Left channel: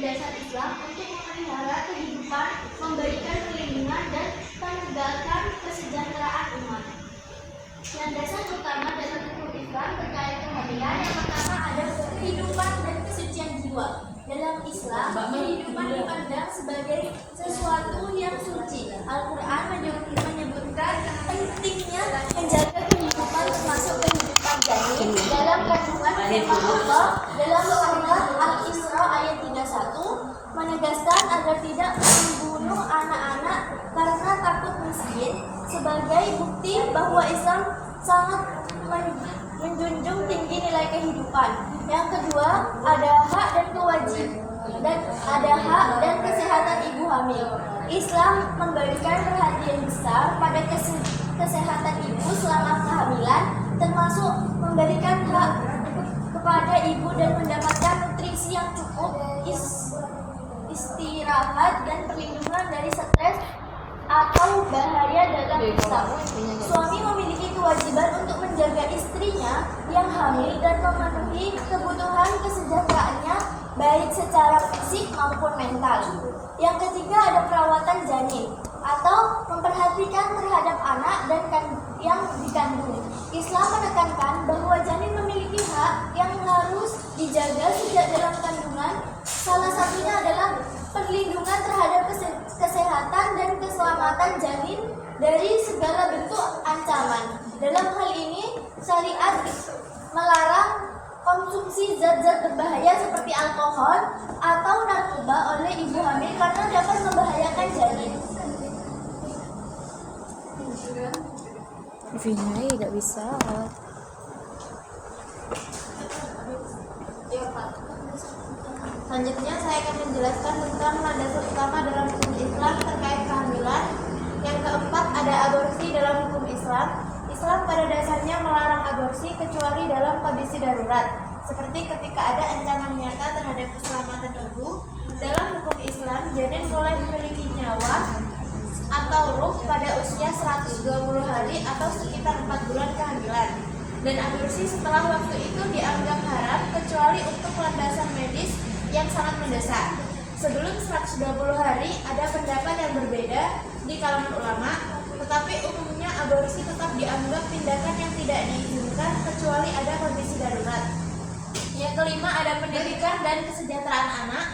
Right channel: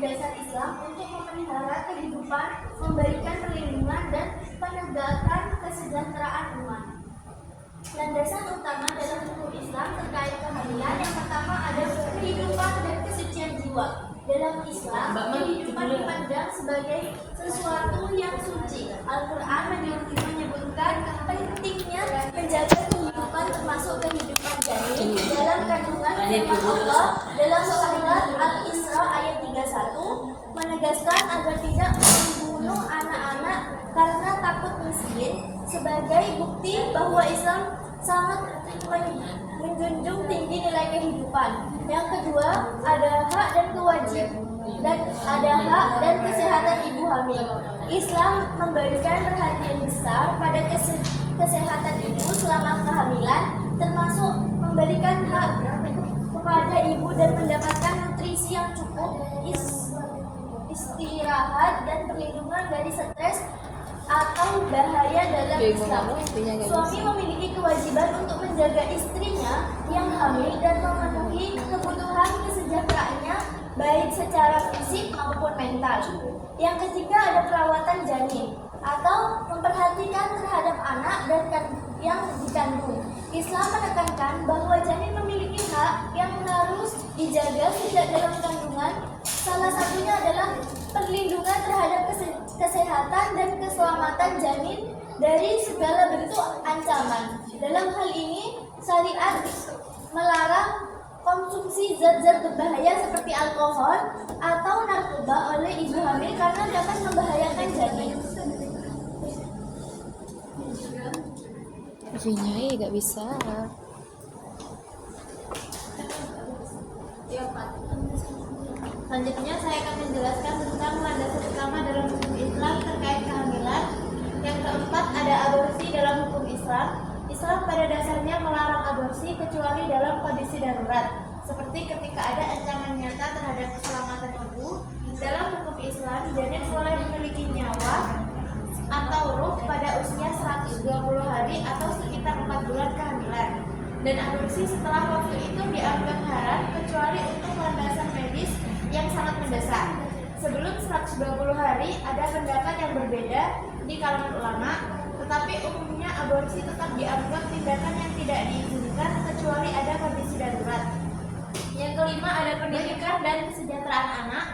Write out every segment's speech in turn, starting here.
dasar Islam untuk memelihara kehidupan, memberikan perlindungan dan menegakkan kesejahteraan umat. Landasan utama dalam hukum Islam terkait kehamilan yang pertama ada kehidupan dan kesucian jiwa. Dalam Islam, kehidupan dipandang sebagai sesuatu yang suci. Al-Quran menyebutkan pentingnya menjaga kehidupan termasuk kehidupan janin dalam kandungan firman Allah dalam surat Al-Isra ayat 31 menegaskan agar tidak membunuh anak-anak karena takut miskin sebagai bukti bahwa Islam sangat menjunjung tinggi nilai kehidupan. Yang kedua, ada hak dan kewajiban dan ada hak dan kesehatan ibu hamil. Islam memberikan perhatian besar pada kesehatan ibu selama kehamilan, termasuk memberikan hak kepada ibu dan mendapatkan nutrisi yang cukup, istirahat dan perlindungan dari stres atau bahaya dalam Islam. Suami memiliki kewajiban untuk menjaga istrinya yang hamil dan memenuhi kebutuhan kesejahteraannya baik secara fisik maupun mental. Yang ketiga ada perawatan janin atau memperhatikan terhadap anak dan yang dikandung. Islam menekankan bahwa janin memiliki hak yang harus dijaga sejak dalam kandungan. Salah satunya adalah perlindungan terhadap kesehatan dan keselamatan janin dari segala bentuk ancaman. Dalam hal ini, syariat melarang konsumsi zat-zat berbahaya seperti alkohol atau narkoba oleh ibu hamil karena dapat membahayakan janin. Vinay, nggak bisa. Selanjutnya saya akan menjelaskan tentang landasan utama dalam hukum Islam terkait kehamilan. Yang keempat ada aborsi dalam hukum Islam. Islam pada dasarnya melarang aborsi kecuali dalam kondisi darurat, seperti ketika ada ancaman nyata terhadap keselamatan ibu. Dalam hukum Islam, janin boleh memiliki nyawa atau ruh pada usia 120 hari atau sekitar 4 bulan kehamilan. Dan aborsi setelah waktu itu dianggap haram kecuali untuk landasan medis yang sangat mendesak. Sebelum 120 hari ada pendapat yang berbeda di kalangan ulama, tetapi umumnya aborsi tetap dianggap tindakan yang tidak diizinkan kecuali ada kondisi darurat. Yang kelima ada pendidikan dan kesejahteraan anak,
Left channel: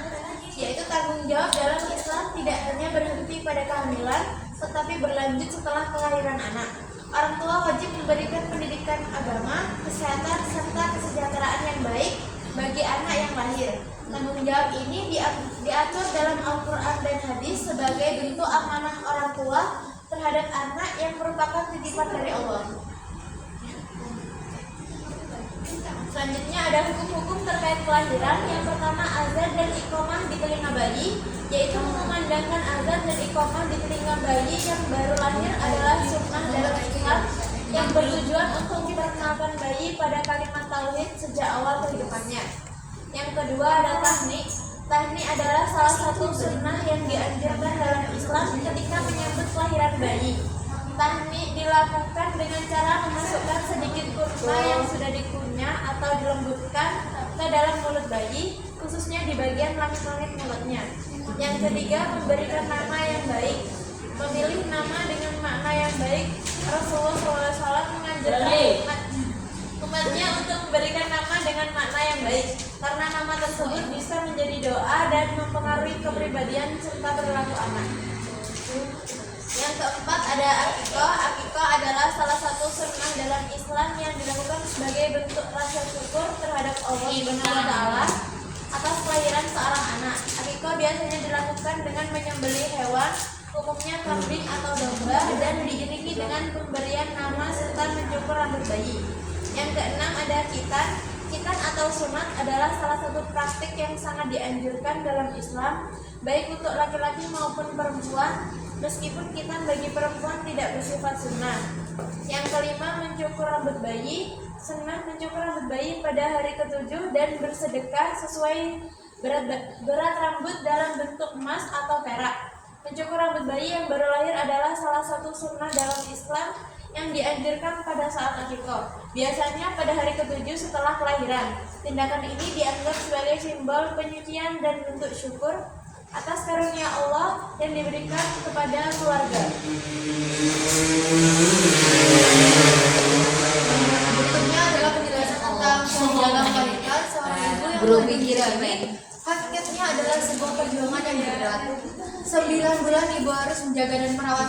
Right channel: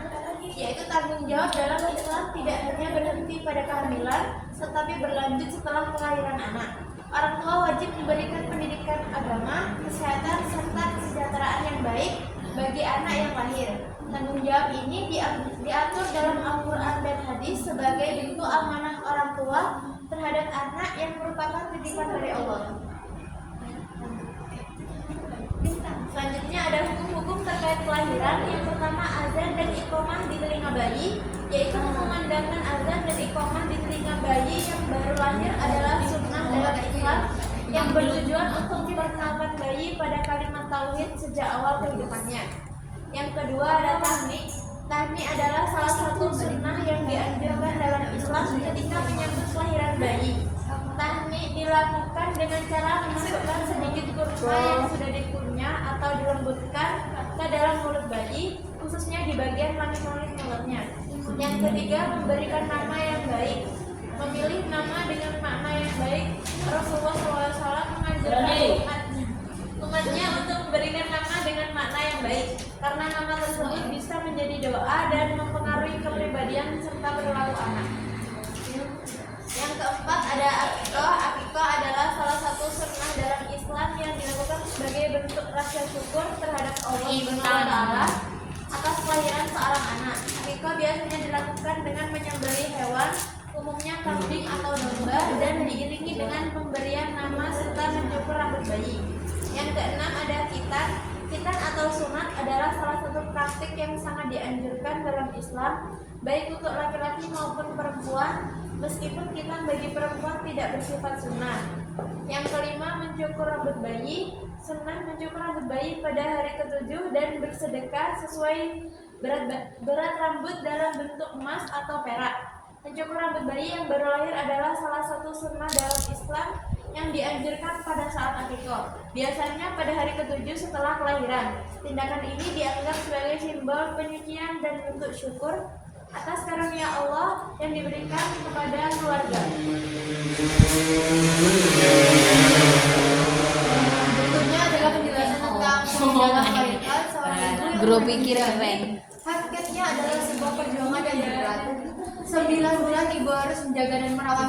yaitu tanggung jawab dalam Islam tidak hanya berhenti pada kehamilan, tetapi berlanjut setelah kelahiran anak. Orang tua wajib memberikan pendidikan agama, kesehatan, serta kesejahteraan yang baik bagi anak yang lahir. Tanggung jawab ini diatur dalam Al-Quran dan Hadis sebagai bentuk amanah orang tua terhadap anak yang merupakan titipan dari Allah. Selanjutnya ada hukum-hukum terkait kelahiran. Yang pertama azan dan iqamah di telinga bayi, yaitu mengumandangkan azan dan iqamah di telinga bayi yang baru lahir adalah sunnah dalam Islam yang bertujuan untuk memperkenalkan bayi pada kalimat tauhid sejak awal kehidupannya. Yang kedua ada tahnik. Tahnik adalah salah satu sunnah yang dianjurkan dalam Islam ketika menyambut kelahiran bayi. Tahnik dilakukan dengan cara memasukkan sedikit kurma yang sudah dikunyah atau dilembutkan ke dalam mulut bayi, khususnya di bagian langit-langit mulutnya. Yang ketiga memberikan nama yang baik. Memilih nama dengan makna yang baik. Rasulullah SAW menganjurkan umatnya untuk memberikan nama dengan makna yang baik, karena nama tersebut bisa menjadi doa dan mempengaruhi kepribadian serta perilaku anak. Yang keempat ada akikah. Akikah adalah salah satu sunnah dalam Islam yang dilakukan sebagai bentuk rasa syukur terhadap Allah Subhanahu wa Ta'ala atas kelahiran seorang anak. Akikah biasanya dilakukan dengan menyembelih hewan, umumnya kambing atau domba, dan diiringi dengan pemberian nama serta mencukur rambut bayi. Yang keenam ada khitan. Khitan atau sunat adalah salah satu praktik yang sangat dianjurkan dalam Islam, baik untuk laki-laki maupun perempuan, meskipun khitan bagi perempuan tidak bersifat sunnah. Yang kelima mencukur rambut bayi. Sunnah mencukur rambut bayi pada hari ke-7 dan bersedekah sesuai berat rambut dalam bentuk emas atau perak. Mencukur rambut bayi yang baru lahir adalah salah satu sunnah dalam Islam yang dianjurkan pada saat akikah, biasanya pada hari ke-7 setelah kelahiran. Tindakan ini dianggap sebagai simbol penyucian dan bentuk syukur atas karunia Allah yang diberikan kepada keluarga. Berikutnya adalah penjelasan tentang menjaga melahirkan seorang ibu yang melahirkan. Hakikatnya adalah sebuah perjuangan yang berat. 9 bulan ibu harus menjaga dan merawat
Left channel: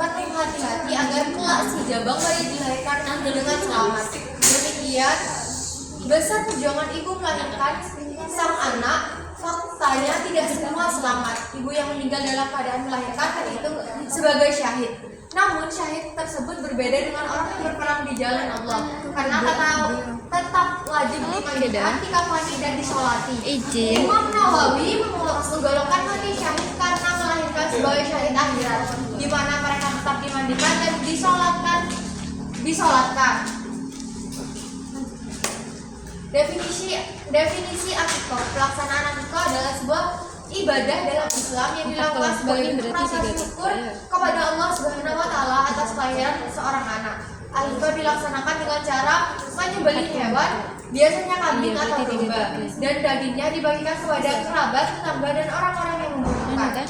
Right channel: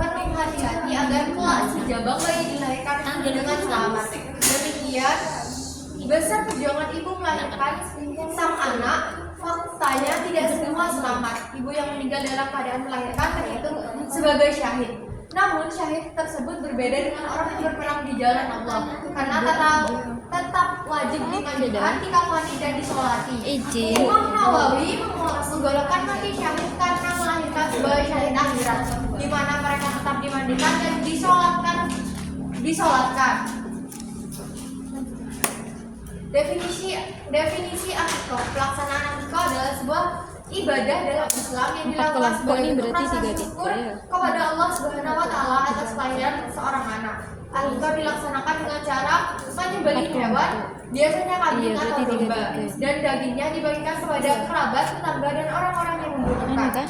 penuh hati-hati agar kelak si jabang bayi dilahirkan dengan selamat. Demikian besar perjuangan ibu melahirkan sang anak. Faktanya tidak semua selamat. Ibu yang meninggal dalam keadaan melahirkan terhitung sebagai syahid. Namun syahid tersebut berbeda dengan orang yang berperang di jalan Allah, karena tetap wajib dimandikan, dikafani dan disolati. Imam Nawawi menggolongkan mati syahid karena melahirkan sebagai syahid akhirat, di mana mereka tetap dimandikan dan disolatkan. Definisi akikah. Pelaksanaan akikah adalah sebuah ibadah dalam Islam yang dilakukan sebagai rasa syukur kepada Allah Subhanahu wa taala atas kelahiran seorang anak. Akikah dilaksanakan dengan cara menyembelih hewan, biasanya kambing atau domba, dan dagingnya dibagikan kepada kerabat, tetangga dan orang-orang yang membutuhkan.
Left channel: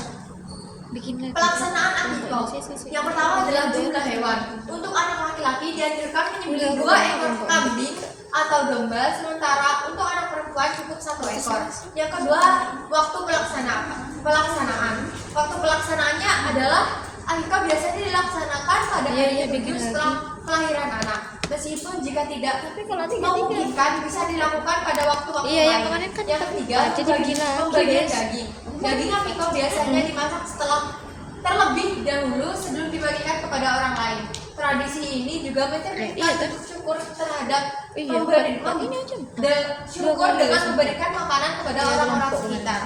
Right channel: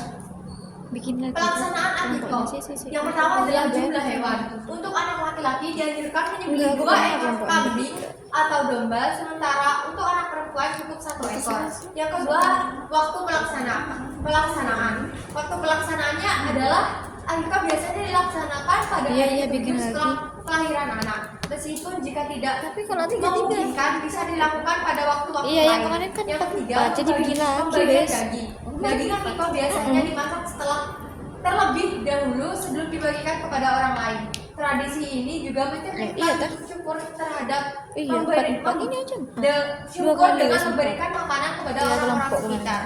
Pelaksanaan akikah. Yang pertama adalah jumlah hewan. Untuk anak laki-laki dianjurkan menyembelih 2 ekor kambing atau domba, sementara untuk anak perempuan cukup 1 ekor. Yang kedua, waktu pelaksanaan. Waktu pelaksanaannya adalah akikah biasanya dilaksanakan pada hari ke-7 setelah kelahiran anak. Meskipun jika tidak memungkinkan, bisa dilakukan pada waktu-waktu lain. Yang ketiga, pembagian daging. Daging akikah biasanya dimasak terlebih dahulu sebelum dibagikan kepada orang lain. Tradisi ini juga mencerminkan syukur terhadap syukur dengan memberikan makanan kepada orang-orang sekitar.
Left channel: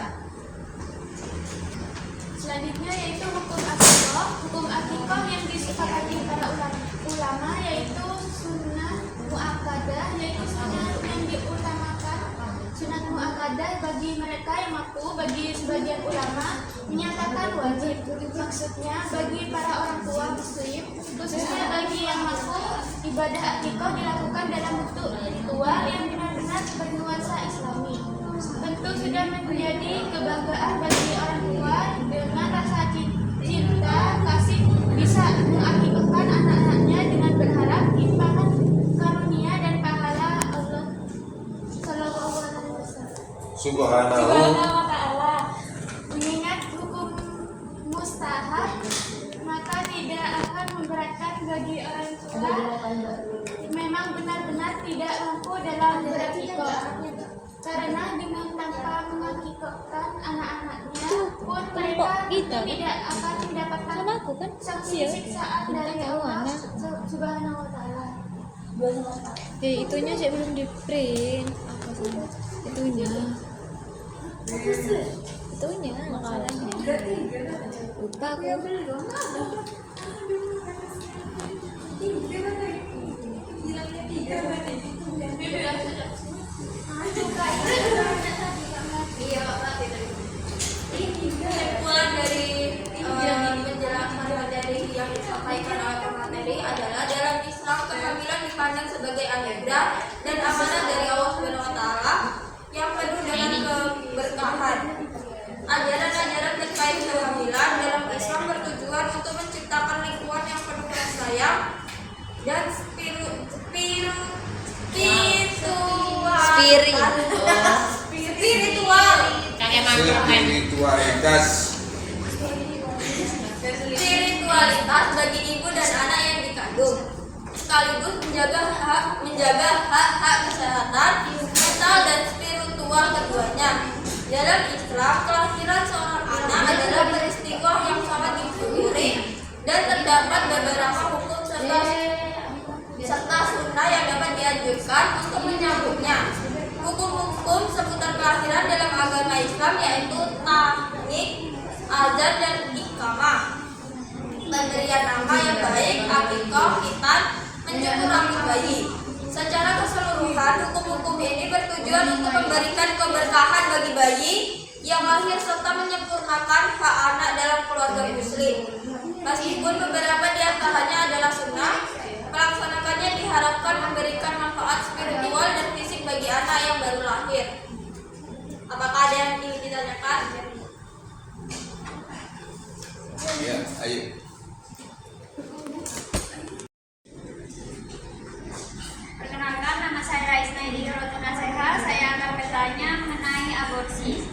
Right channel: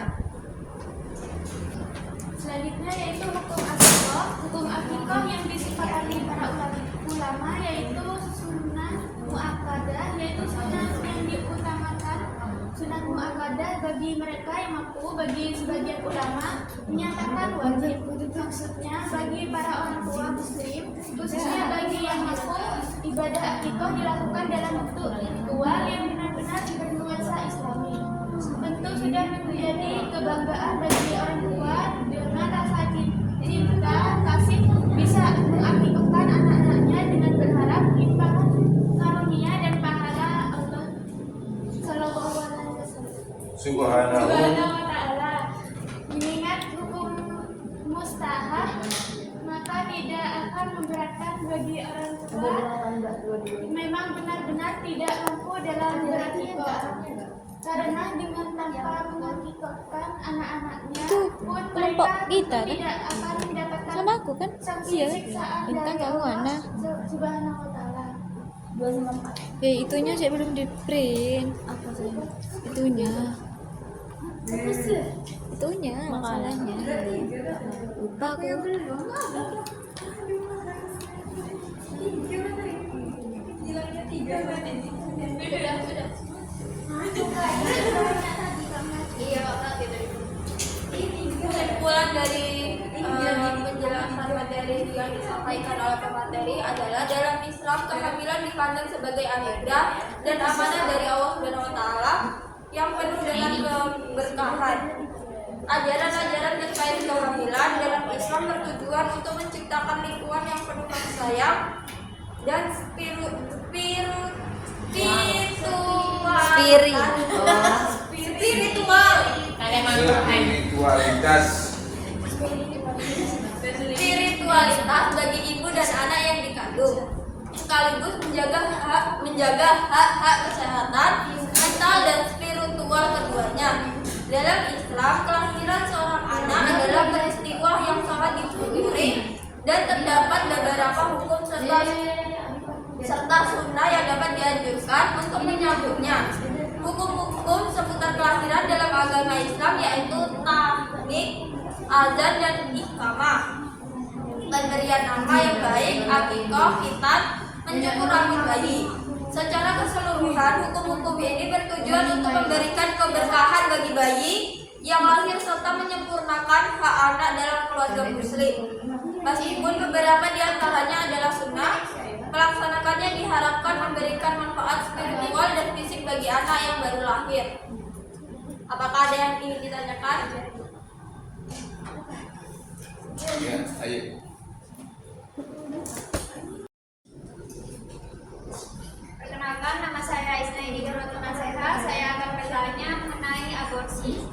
Selanjutnya yaitu hukum akikah. Hukum akikah yang disepakati para ulama yaitu sunnah muakkadah, yaitu sunnah yang diutamakan. Sunnah muakkadah bagi mereka yang mampu, bagi sebagian ulama menyatakan wajib. Maksudnya bagi para orang tua muslim, khususnya bagi yang mampu, ibadah akikah dilakukan dalam bentuk ritual yang benar-benar bernuansa islami. Tentu sudah menjadi kebanggaan bagi orang tua dengan rasa cinta kasih bisa mengakikahkan anak-anaknya dengan berharap limpahan karunia dan pahala Allah Sallallahu Alaihi Wasallam. Subhanahu wa ta'ala. Mengingat hukum mustahab, maka tidak akan memberatkan bagi orang tua memang benar-benar tidak mampu dalam berakikah, karena dengan tanpa mengakikahkan anak-anaknya pun mereka tidak akan mendapatkan sanksi siksaan dari Allah Subhanahu wa ta'ala. Itunya saya belum di print. Itunya masalahnya lupa aku. Kesimpulan dari penjelasan materi yang disampaikan oleh pemateri adalah dalam Islam kehamilan dipandang sebagai anugerah dan amanah dari Allah Subhanahu wa taala yang penuh dengan keberkahan. Ajaran-ajaran terkait kehamilan dalam Islam bertujuan untuk menciptakan lingkungan yang penuh kasih sayang dan spiritualitas bagi ibu dan anak yang dikandung, sekaligus menjaga hak-hak kesehatan mental dan spiritual keduanya. Dalam Islam, kelahiran seorang anak adalah peristiwa yang sangat disyukuri dan terdapat beberapa hukum serta sunnah yang dapat dianjurkan untuk menyambutnya. Hukum-hukum seputar kelahiran dalam agama Islam yaitu tahnik, azan dan iqamah, pemberian nama yang baik, akikah, khitan, menjemur rambut bayi. Secara keseluruhan, hukum-hukum ini bertujuan untuk memberikan keberkahan bagi bayi yang lahir serta menyempurnakan hak anak dalam keluarga muslim. Meskipun beberapa di antaranya adalah sunnah, bagi anak yang baru lahir. Apakah ada yang ingin ditanyakan? Ya, ayo. Perkenalkan, nama saya Isnaini Rotuna Seha. Saya akan bertanya mengenai aborsi.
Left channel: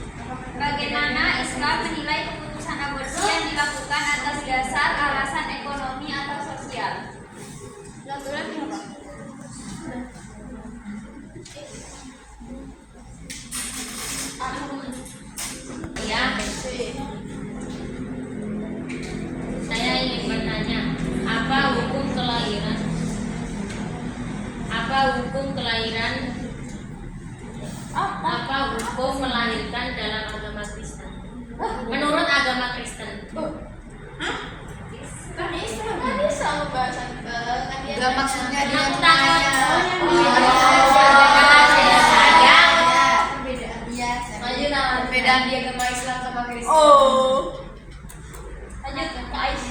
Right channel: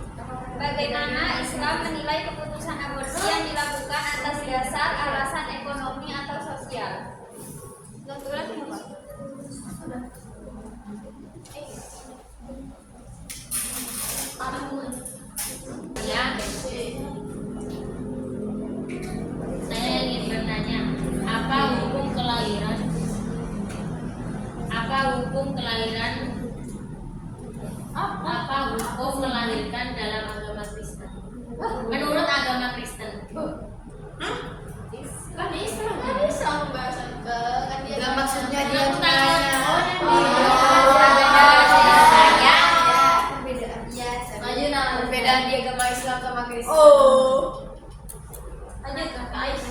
Bagaimana Islam menilai keputusan aborsi yang dilakukan atas dasar alasan ekonomi atau sosial? Ya, saya ingin bertanya, apa hukum kelahiran? Apa hukum kelahiran? Apa hukum melahirkan dalam agama Kristen? Menurut agama Kristen. Kan Islam pembahasan ke kan dia. Enggak, maksudnya dia Aku tanya. Perbedaan di agama Islam sama Kristen. Oh. Lanjut ke Ais.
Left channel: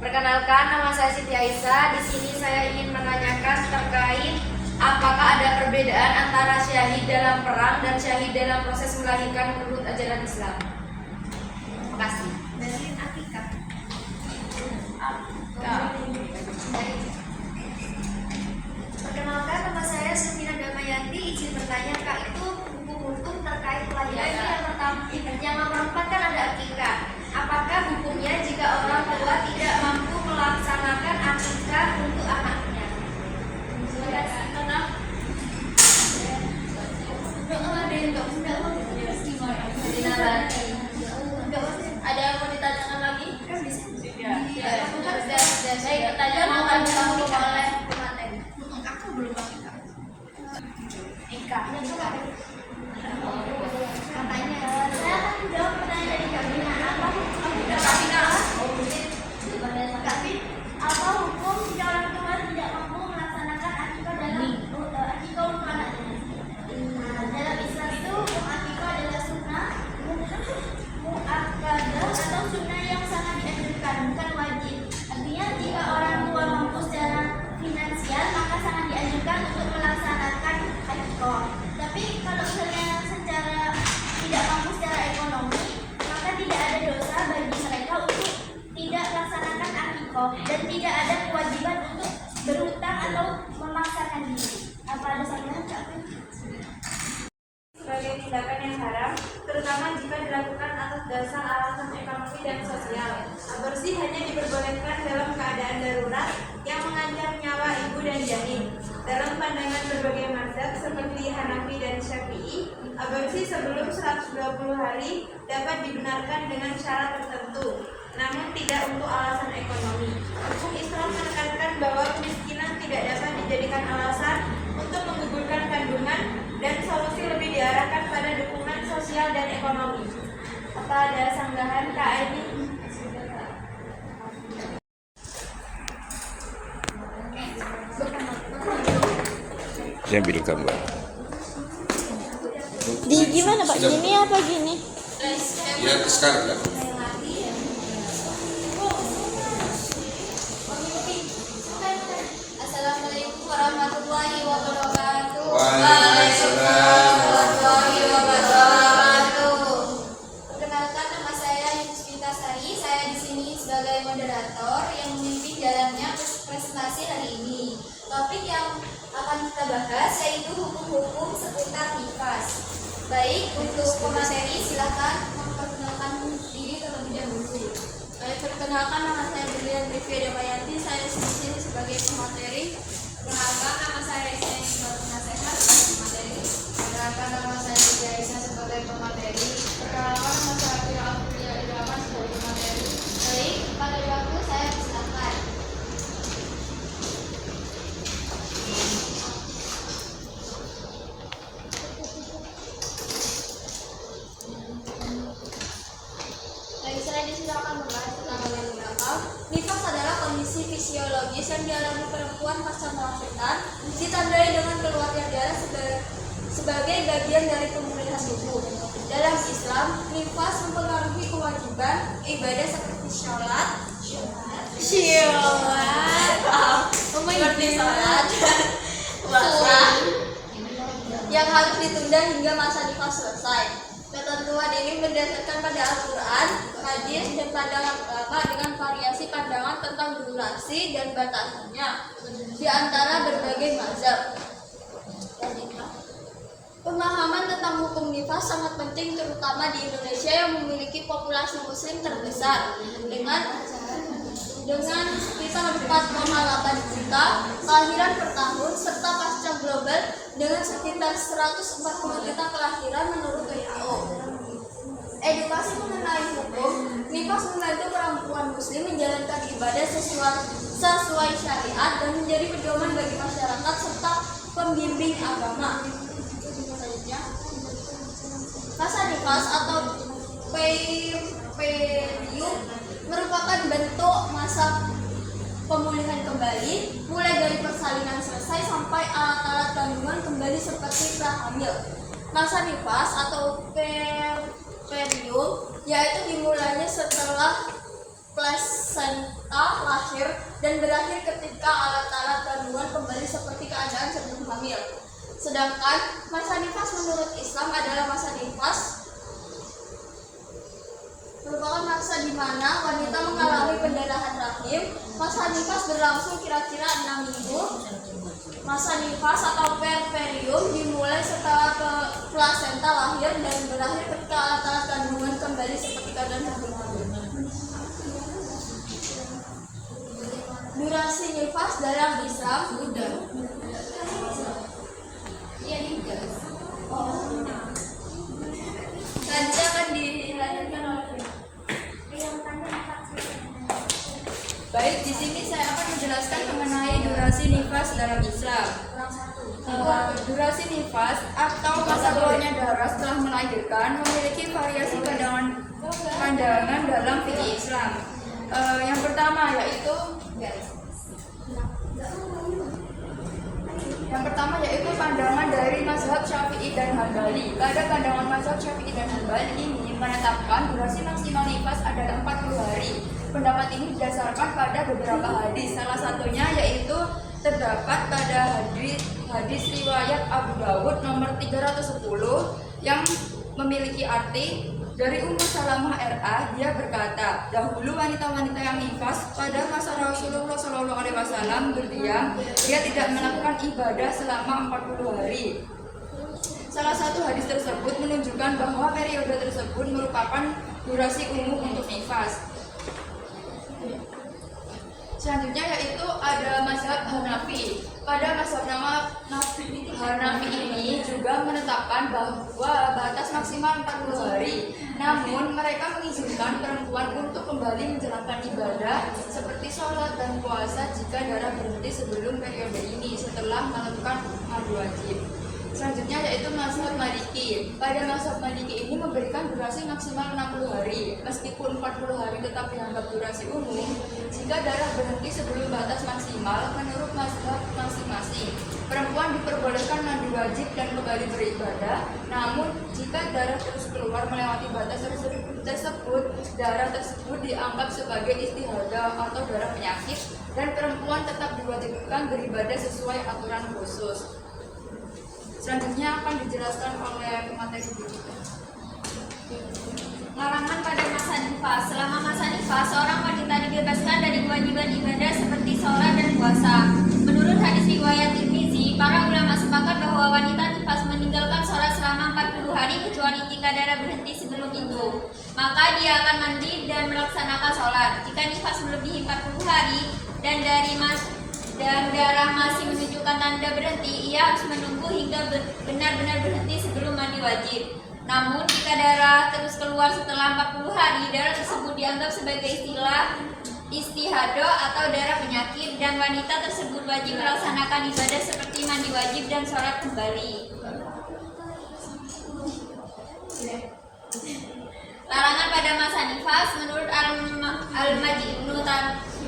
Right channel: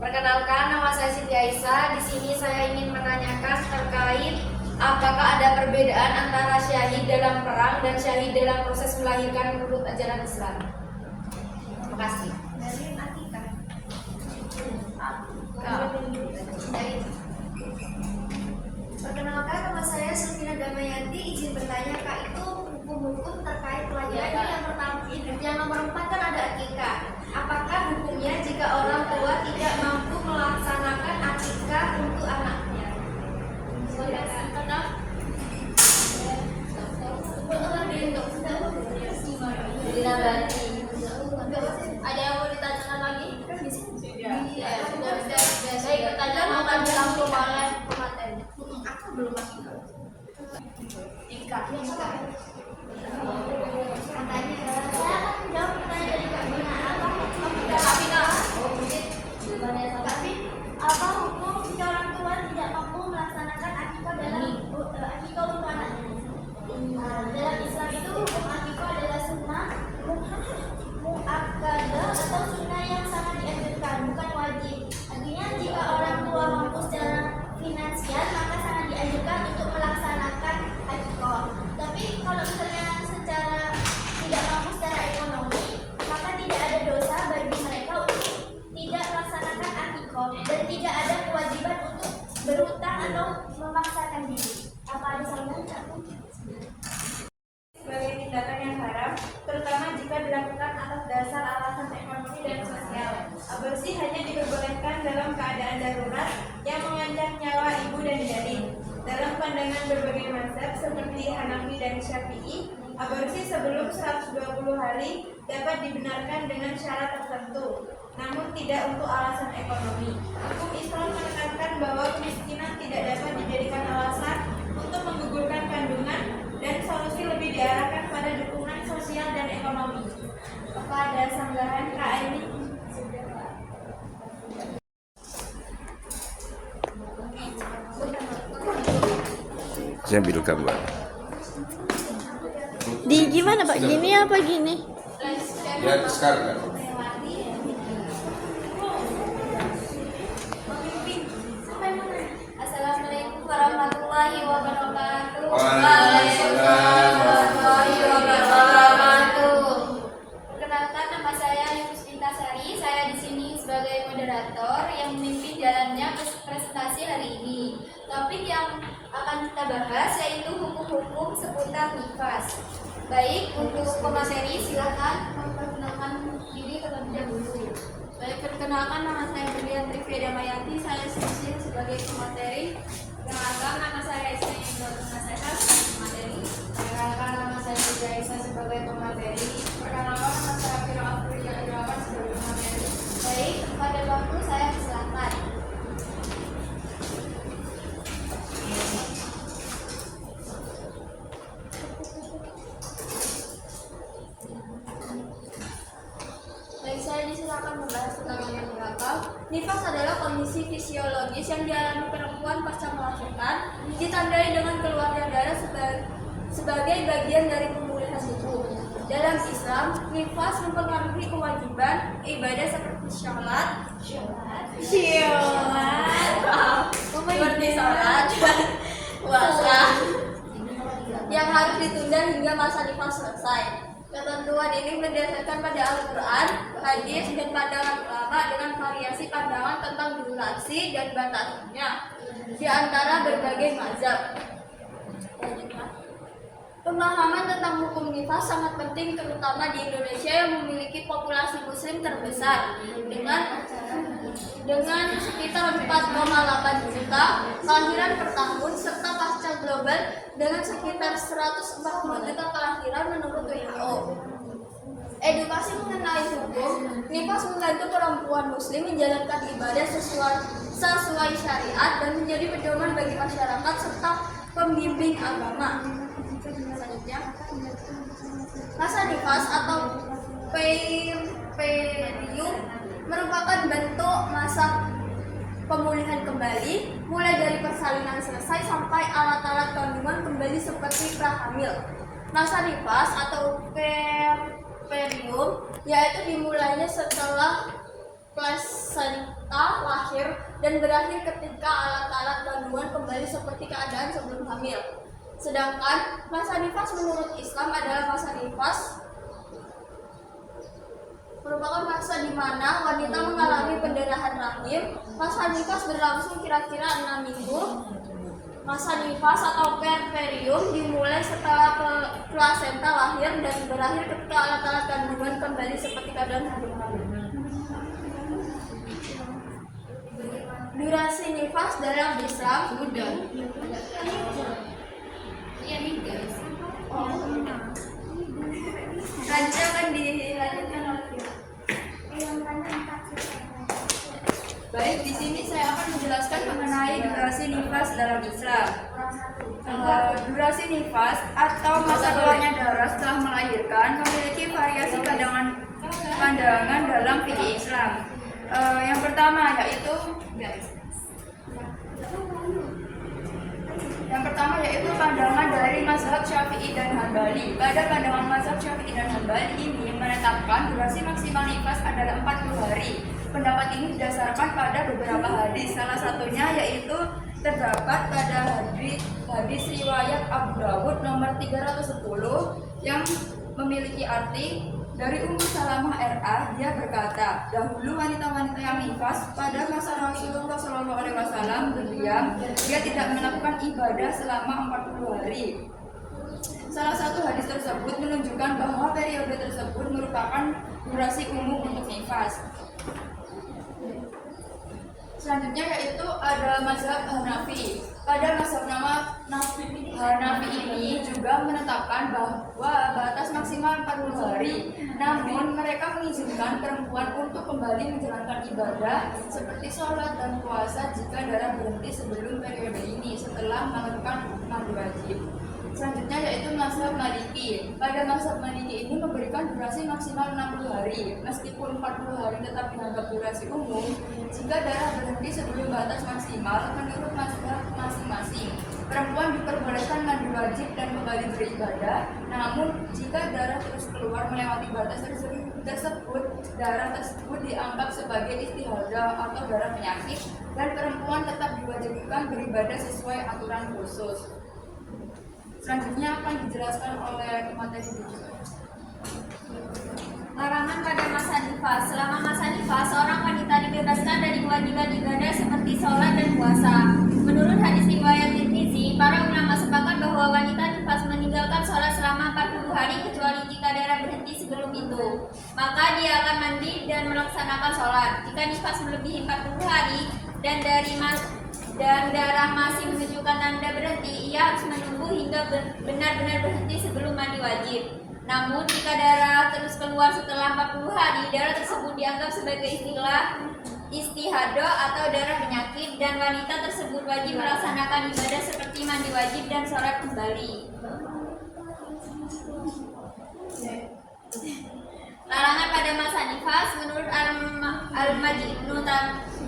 Perkenalkan, nama saya Siti Aisyah. Di sini saya ingin menanyakan terkait apakah ada perbedaan antara syahid dalam perang dan syahid dalam proses melahirkan menurut ajaran Islam. Terima kasih. Perkenalkan, nama saya Sufina Damayanti. Izin bertanya, Kak, itu hukum-hukum terkait kelahiran yang nomor 4 kan ada akikah. Apakah hukumnya jika orang tua tidak mampu melaksanakan akikah untuk anaknya? Ada yang mau ditanyakan lagi? Baik, pertanyaan akan dirangkum oleh pemateri. Aku belum akikah. Nikah. Katanya. Saya akan menjawab pertanyaan dari Kabina. Apa hukum tapi apa hukum jika orang tua tidak mampu melaksanakan akikah dalam akikah untuk anaknya? Nah, dalam Islam itu hukum akikah adalah sunnah, muakkadah atau sunnah yang sangat dianjurkan, bukan wajib. Artinya jika orang tua mampu secara finansial maka sangat dianjurkan untuk melaksanakan akikah. Tapi kalau misalnya secara tidak mampu secara ekonomi, maka tidak ada dosa bagi mereka untuk tidak melaksanakan akikah dan tidak ada kewajiban untuk berhutang atau memaksakan diri. Apa ada salahnya? Sebagai tindakan yang haram, terutama jika dilakukan atas dasar alasan ekonomi dan sosial. Aborsi hanya diperbolehkan dalam keadaan darurat yang mengancam nyawa ibu dan janin. Dalam pandangan berbagai mazhab seperti Hanafi dan Syafi'i, aborsi sebelum 120 hari dapat dibenarkan dengan syarat tertentu, namun tidak untuk alasan ekonomi. Hukum Islam menekankan bahwa kemiskinan tidak dapat dijadikan alasan untuk menggugurkan kandungan dan solusi lebih diarahkan pada dukungan sosial dan ekonomi. Apa ada sanggahan Kak Aini? Saya ambil gambar. Di gimana Pak? Gini apa gini? Ya, sekarang lah. Assalamualaikum warahmatullahi wabarakatuh. Waalaikumsalam warahmatullahi wabarakatuh. Perkenalkan, nama saya Yusmita Sari. Saya di sini sebagai moderator yang memimpin jalannya presentasi hari ini. Topik yang akan kita bahas yaitu hukum-hukum seputar nifas. Baik, untuk pemateri silakan memperkenalkan diri terlebih dahulu. Baik, perkenalkan, nama saya Berlian Rifia Damayanti. Saya di sini sebagai pemateri. Perkenalkan, nama saya Ismail Rotuna Seha sebagai pemateri. Perkenalkan, nama saya Siti Aisyah sebagai pemateri. Perkenalkan, nama saya Fira Afriya Irawan sebagai pemateri. Baik, pada waktu saya silakan. Baik, saya di sini akan membahas tentang yang belakang. Nifas adalah kondisi fisiologis yang dialami perempuan pasca melahirkan, ditandai dengan keluarnya darah sebagai bagian dari pemulihan tubuh. Dalam Islam, nifas mempengaruhi kewajiban ibadah seperti sholat, seperti sholat, puasa, yang harus ditunda hingga masa nifas selesai. Ketentuan ini berdasarkan pada Al-Quran, hadis, dan pandangan ulama dengan variasi pandangan tentang durasi dan batasannya di antara berbagai mazhab. Pemahaman tentang hukum nifas sangat penting terutama di Indonesia yang memiliki populasi muslim terbesar dengan sekitar 4,8 juta kelahiran per tahun serta pasca global dengan sekitar 140 juta kelahiran menurut WHO. Edukasi mengenai hukum nifas membantu perempuan muslim menjalankan ibadah sesuai syariat dan menjadi pedoman bagi masyarakat serta pembimbing agama. Masa nifas atau period merupakan bentuk masa pemulihan kembali mulai dari persalinan selesai sampai alat-alat kandungan kembali seperti prahamil. Masa nifas atau period yaitu dimulainya setelah plasenta lahir dan berakhir ketika alat-alat kandungan kembali seperti keadaan sebelum hamil. Sedangkan masa nifas menurut Islam adalah masa nifas merupakan masa di mana wanita mengalami pendarahan rahim. Masa nifas berlangsung kira-kira 6 minggu. Masa nifas atau period dimulai setelah plasenta lahir dan berakhir ketika alat-alat kandungan kembali seperti keadaan sebelum hamil. Durasi nifas dalam Islam sudah. Selanjutnya akan dilanjutkan oleh baik, di sini saya akan menjelaskan mengenai durasi nifas dalam Islam. Durasi nifas atau masa keluarnya darah setelah melahirkan memiliki variasi pandangan dalam fikih Islam. Yang pertama yaitu pandangan dari mazhab Syafi'i dan Hambali. Pada pandangan mazhab Syafi'i dan Hambali ini menetapkan durasi maksimal nifas adalah 40 hari. Pendapat ini didasarkan pada beberapa hadis. Salah satunya yaitu terdapat pada hadis riwayat Abu Dawud nomor 310 yang memiliki arti dari Ummu Salamah RA. Dia berkata, dahulu wanita-wanita yang nifas pada masa Rasulullah SAW berdiam, dia tidak melakukan ibadah selama 40 hari. Salah satu hadis tersebut menunjukkan bahwa periode tersebut merupakan durasi umum untuk nifas. Selanjutnya yaitu ada mazhab Hanafi. Pada mazhab Hanafi ini juga menetapkan bahwa batas maksimal 40 hari. Namun mereka mengizinkan perempuan untuk kembali menjalankan ibadah seperti sholat dan puasa jika darah berhenti sebelum periode ini setelah melakukan mandi wajib. Selanjutnya yaitu mazhab Maliki. Pada mazhab Maliki ini memberikan durasi maksimal 60 hari. Meskipun 40 hari tetap dianggap durasi umum jika darah berhenti sebelum batas maksimal menurut mazhab masing-masing. Perempuan diperbolehkan mandi wajib dan kembali beribadah. Namun jika darah terus keluar melewati batas tersebut, darah tersebut dianggap sebagai istihadah atau darah penyakit dan perempuan tetap diwajibkan beribadah sesuai aturan khusus. Selanjutnya akan dijelaskan oleh materi berikutnya. Larangan pada masa nifas. Selama masa nifas, seorang wanita dibebaskan dari kewajiban ibadah seperti sholat dan puasa. Menurut hadis riwayat Tirmizi, para ulama sepakat bahwa wanita nifas meninggalkan sholat selama 40 hari kecuali jika darah berhenti sebelum itu. Maka dia akan mandi dan melaksanakan sholat. Jika nifas melebihi 40 hari dan darah masih menunjukkan tanda berhenti, ia harus menunggu hingga benar-benar berhenti sebelum mandi wajib. Namun jika darah terus keluar setelah 40 hari, darah tersebut dianggap sebagai istihadah atau darah penyakit dan wanita tersebut wajib melaksanakan ibadah seperti mandi wajib dan sholat kembali. Larangan pada masa nifas. Menurut Al-Majnun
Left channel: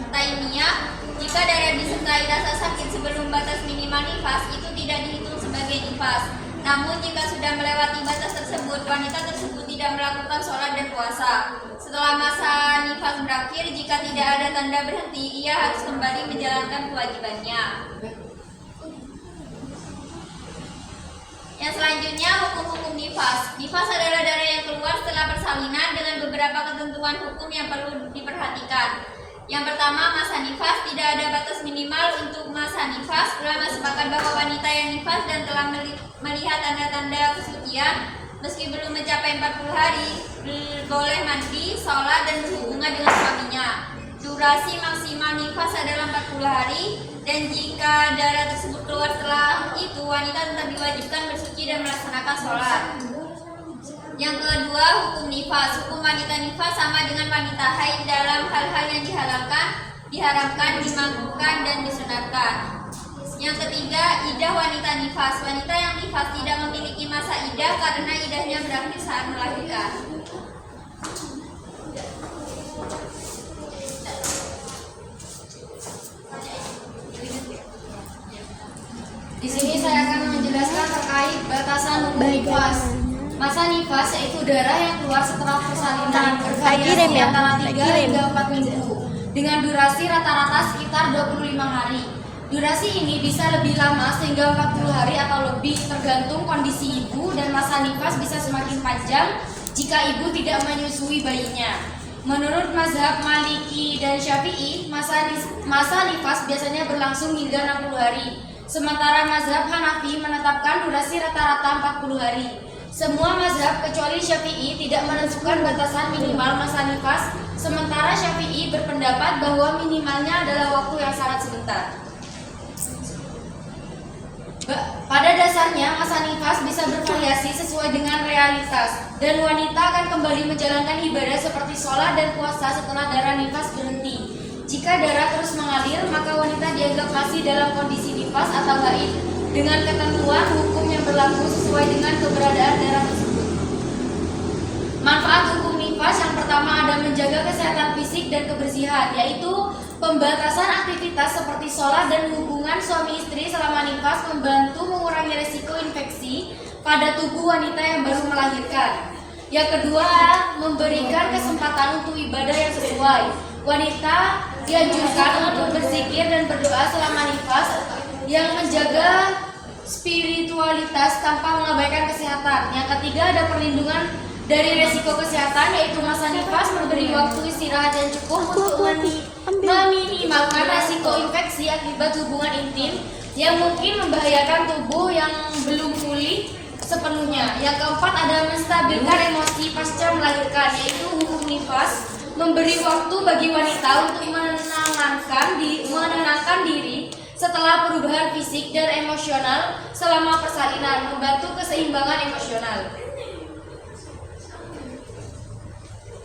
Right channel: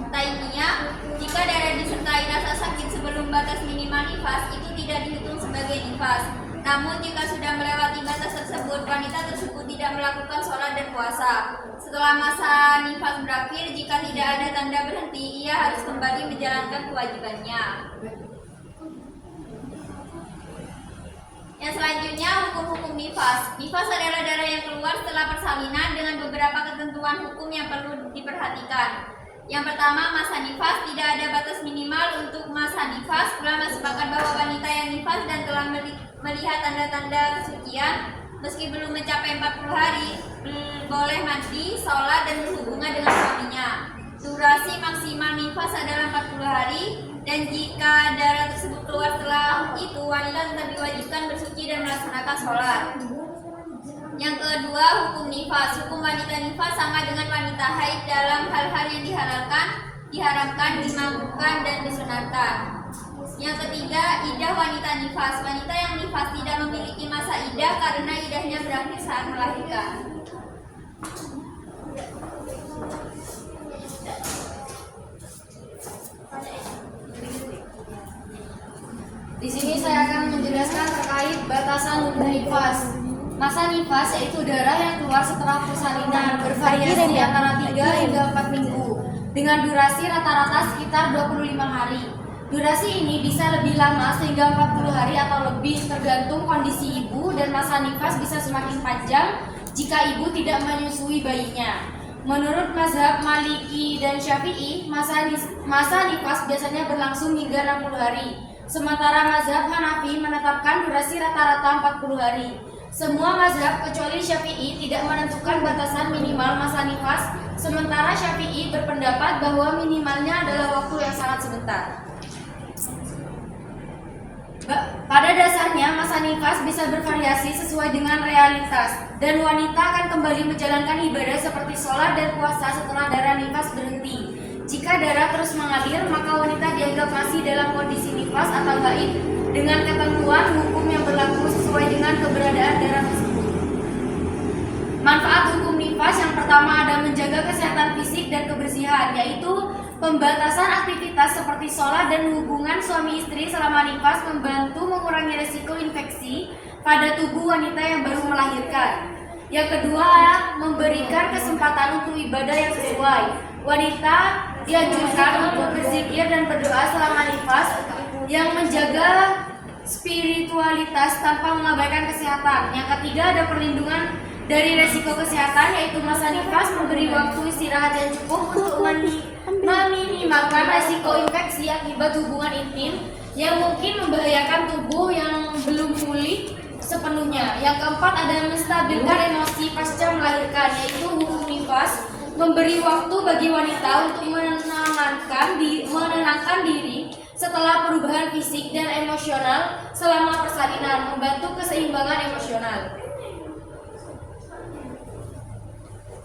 Taimiyah, jika darah disertai rasa sakit sebelum batas minimal nifas, itu tidak dihitung sebagai nifas. Namun jika sudah melewati batas tersebut, wanita tersebut tidak melakukan sholat dan puasa. Setelah masa nifas berakhir, jika tidak ada tanda berhenti, ia harus kembali menjalankan kewajibannya. Yang selanjutnya, hukum-hukum nifas. Nifas adalah darah yang keluar setelah persalinan dengan beberapa ketentuan hukum yang perlu diperhatikan. Yang pertama, masa nifas. Tidak ada batas minimal untuk masa nifas. Ulama sepakat bahwa wanita yang nifas dan telah melihat tanda-tanda kesucian meski belum mencapai 40 hari boleh mandi, sholat, dan berhubungan dengan suaminya. Durasi maksimal nifas adalah 40 hari, dan jika darah tersebut keluar setelah itu, wanita tetap diwajibkan bersuci dan melaksanakan sholat. Yang kedua, hukum nifas. Hukum wanita nifas sama dengan wanita haid dalam hal-hal yang diharamkan, dimangguhkan, dan disunatkan. Yang ketiga, idah wanita nifas. Wanita yang nifas tidak memiliki masa idah karena idahnya berakhir saat melahirkan. Di sini saya akan menjelaskan terkait batasan hukum nifas. Masa nifas yaitu darah yang keluar setelah persalinan, bervariasi antara 3 hingga 4 minggu dengan durasi rata-rata sekitar 25 hari. Durasi ini bisa lebih lama sehingga 40 hari atau lebih tergantung kondisi ibu, dan masa nifas bisa semakin panjang jika ibu tidak menyusui bayinya. Menurut mazhab Maliki dan Syafi'i, masa nifas biasanya berlangsung hingga 60 hari. Sementara mazhab Hanafi menetapkan durasi rata-rata 40 hari. Semua mazhab kecuali Syafi'i tidak menentukan batasan minimal masa nifas, sementara Syafi'i berpendapat bahwa minimalnya adalah waktu yang sangat sebentar. Pada dasarnya, masa nifas bisa bervariasi sesuai dengan realitas, dan wanita akan kembali menjalankan ibadah seperti sholat dan puasa setelah darah nifas berhenti. Jika darah terus mengalir, maka wanita dianggap masih dalam kondisi nifas atau haid dengan ketentuan hukum yang berlaku sesuai dengan keberadaan darah tersebut. Manfaat hukum nifas yang pertama ada menjaga kesehatan fisik dan kebersihan, yaitu pembatasan aktivitas seperti sholat dan hubungan suami istri selama nifas, membantu mengurangi risiko infeksi pada tubuh wanita yang baru melahirkan. Yang kedua, memberikan kesempatan untuk ibadah yang sesuai. Wanita dianjurkan untuk berzikir dan berdoa selama nifas yang menjaga spiritualitas tanpa mengabaikan kesehatan. Yang ketiga, ada perlindungan dari risiko kesehatan, yaitu masa nifas memberi waktu istirahat yang cukup untuk meminimalkan risiko infeksi akibat hubungan intim yang mungkin membahayakan tubuh yang belum pulih sepenuhnya. Yang keempat, ada menstabilkan emosi pasca melahirkan, yaitu hukum nifas memberi waktu bagi wanita untuk menenangkan diri setelah perubahan fisik dan emosional selama persalinan, membantu keseimbangan emosional.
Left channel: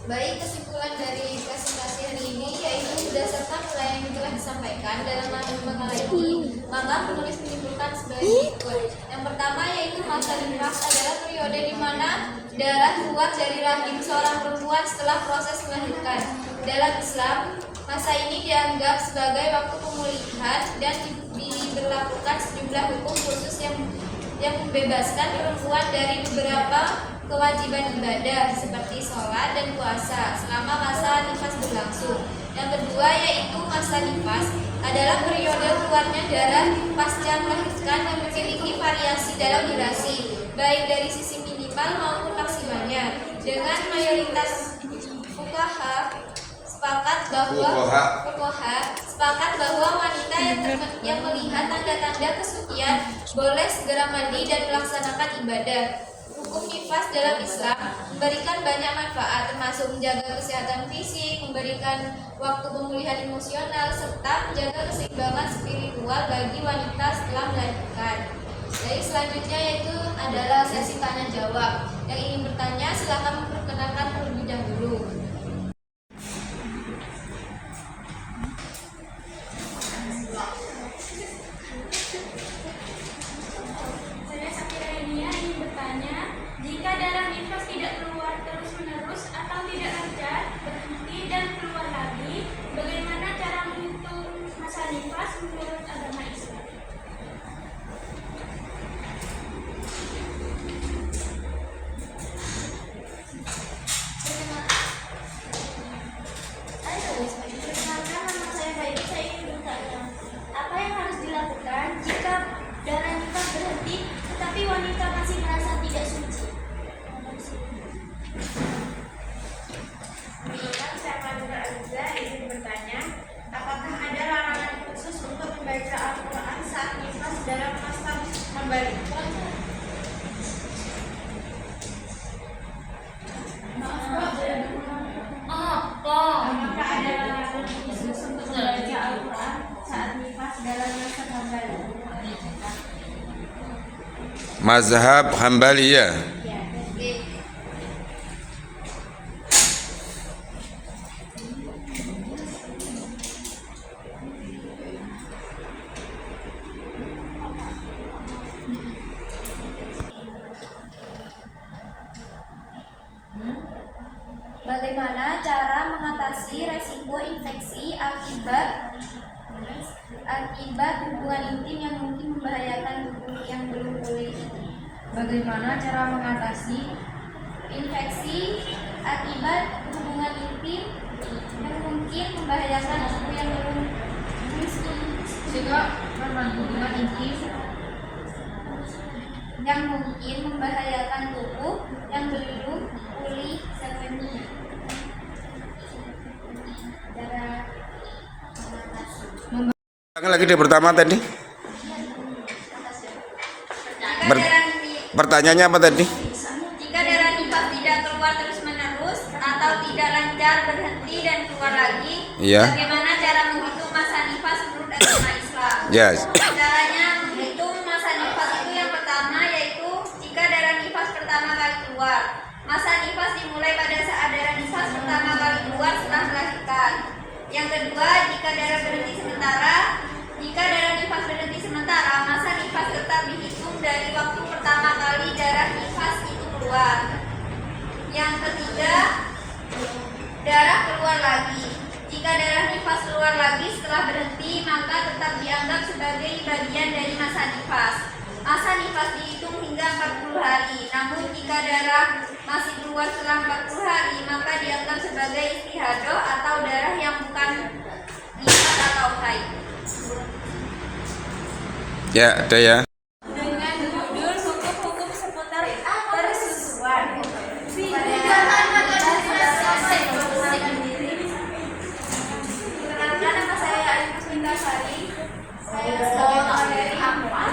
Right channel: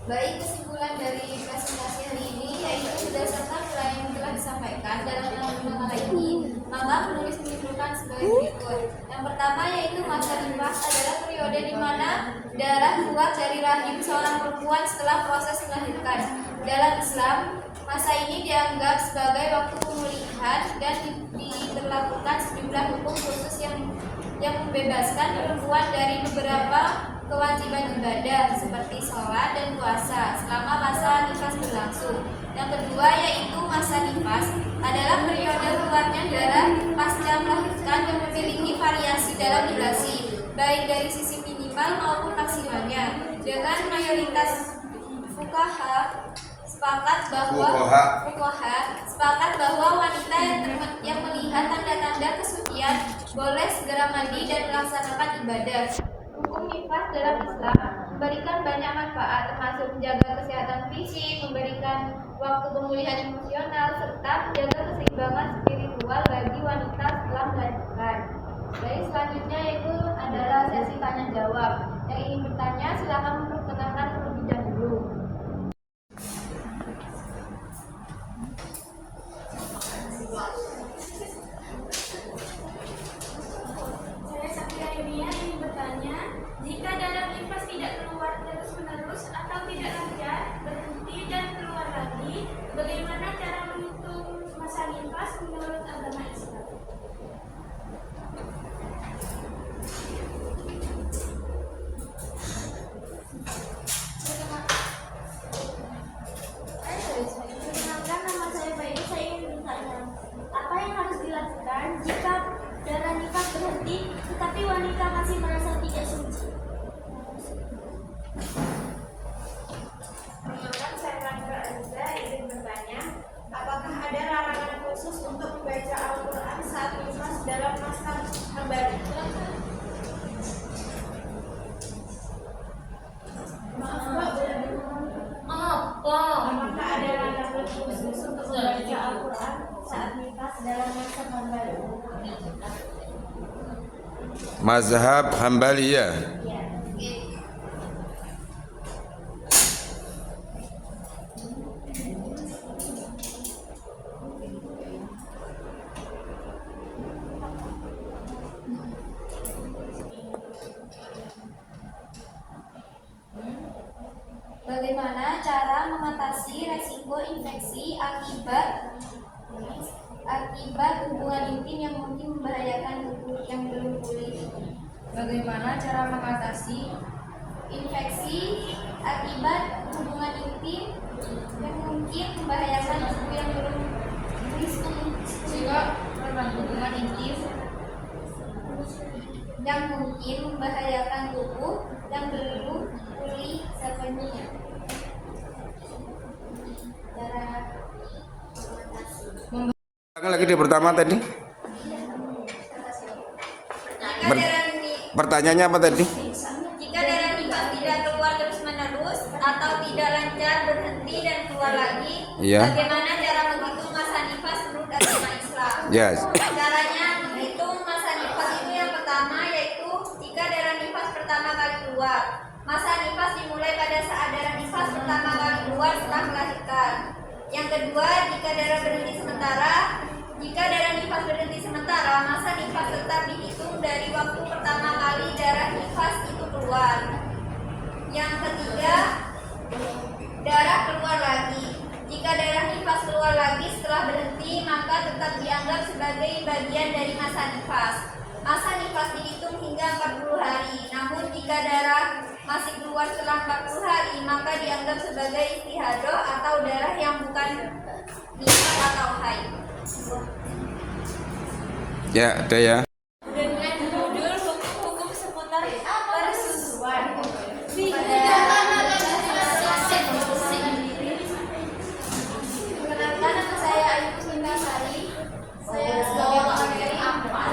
Baik, kesimpulan dari presentasi hari ini yaitu berdasarkan nilai yang telah disampaikan dalam makalah ini, maka penulis menyimpulkan sebagai berikut. Yang pertama yaitu masa nifas adalah periode di mana darah keluar dari rahim seorang perempuan setelah proses melahirkan. Dalam Islam, masa ini dianggap sebagai waktu pemulihan dan diberlakukan sejumlah hukum khusus yang membebaskan perempuan dari beberapa kewajiban ibadah seperti sholat dan puasa selama masa nifas berlangsung. Yang kedua yaitu masa nifas adalah periode keluarnya darah pasca melahirkan dan memiliki variasi dalam durasi, baik dari sisi minimal maupun maksimalnya. Dengan mayoritas fuqaha sepakat bahwa wanita yang melihat tanda-tanda kesucian boleh segera mandi dan melaksanakan ibadah. Hukum nifas dalam Islam memberikan banyak manfaat, termasuk menjaga kesehatan fisik, memberikan waktu pemulihan emosional, serta menjaga keseimbangan spiritual bagi wanita setelah melahirkan. Jadi selanjutnya yaitu adalah sesi tanya jawab. Yang ingin bertanya silakan memperkenalkan terlebih dahulu. Saya Sakira Inia ingin bertanya, jika darah nifas tidak keluar terus-menerus atau tidak lancar, berhenti dan keluar lagi, bagaimana cara menghitung masa nifas menurut agama Islam? Mazhab Hambaliyah. Bagaimana cara mengatasi resiko infeksi akibat hubungan intim yang mungkin membahayakan tubuh yang belum pulih? Bagaimana cara mengatasi Infeksi akibat hubungan intim yang mungkin membahayakan tubuh yang belum jika hubungan intim yang mungkin membahayakan tubuh yang belum pulih sepenuhnya? Cara mengatasi. Ulangi lagi di pertama tadi. Pertanyaannya apa tadi? Jika darah nifas tidak keluar terus-menerus atau tidak lancar berhenti dan keluar lagi, Iya. bagaimana cara menghitung masa nifas menurut agama Islam? Yes. Caranya menghitung masa nifas itu yang pertama yaitu jika darah nifas pertama kali keluar. Masa nifas dimulai pada saat darah nifas pertama kali keluar setelah melahirkan. Yang kedua, jika darah nifas berhenti sementara, masa nifas tetap dihitung dari waktu pertama kali darah nifas itu keluar. Yang ketiga, darah keluar lagi. Jika darah nifas keluar lagi setelah berhenti, maka tetap dianggap sebagai bagian dari masa nifas. Masa nifas dihitung hingga 40 hari. Namun jika darah masih keluar setelah 40 hari, maka dianggap sebagai istihadah atau darah yang bukan nifas atau haid. Ya, ada ya. Dengan judul hukum-hukum seputar persusuan. Perkenalkan, nama saya Alif Kusminasari. Saya sebagai materi.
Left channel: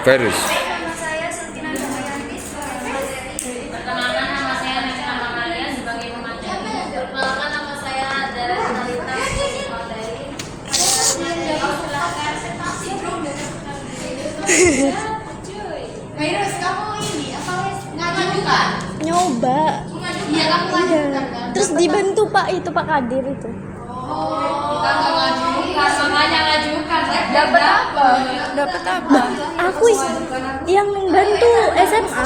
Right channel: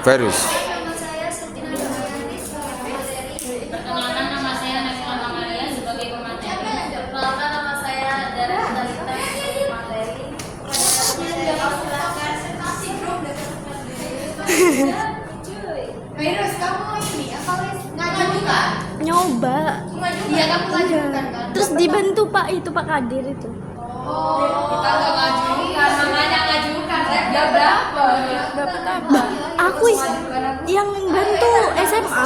Virus. Nama saya Sultina Yulianti sebagai materi. Perkenalkan, nama saya Nevina Mamalia sebagai pemateri. Perkenalkan, nama saya Dara Talita sebagai materi. Virus, kamu ini apa wes ngaji bukan? Nyoba. Iya, kamu ngaji bukan kan? Terus dibantu Pak Kadir itu. kita nggak ngajukan, namanya ngajukan ya berapa? Dapat apa? Aku yang bantu SMA.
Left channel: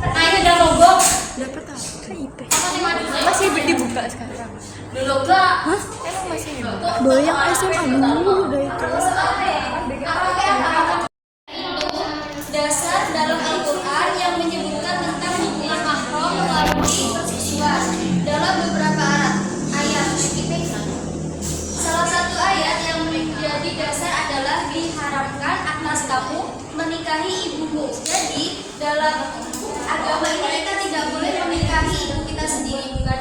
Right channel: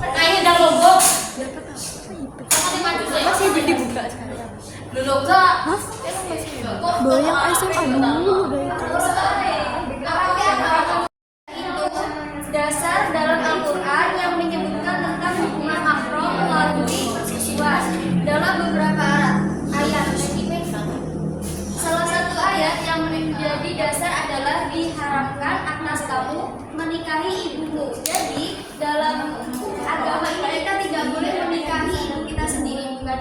Ayah ada logo. Dapat apa? IP. Masih dibuka sekarang. Dulu enggak? Hah? Bayang SMA dulu udah itu. Dasar dalam Al-Quran yang menyebutkan tentang hubungan mahram melalui persusuan dalam beberapa ayat. Salah satu ayat yang menjadi dasar adalah diharamkan atas kamu menikahi ibumu. Jadi dalam agama ini kita tidak boleh menikahi ibu kita sendiri, bukan?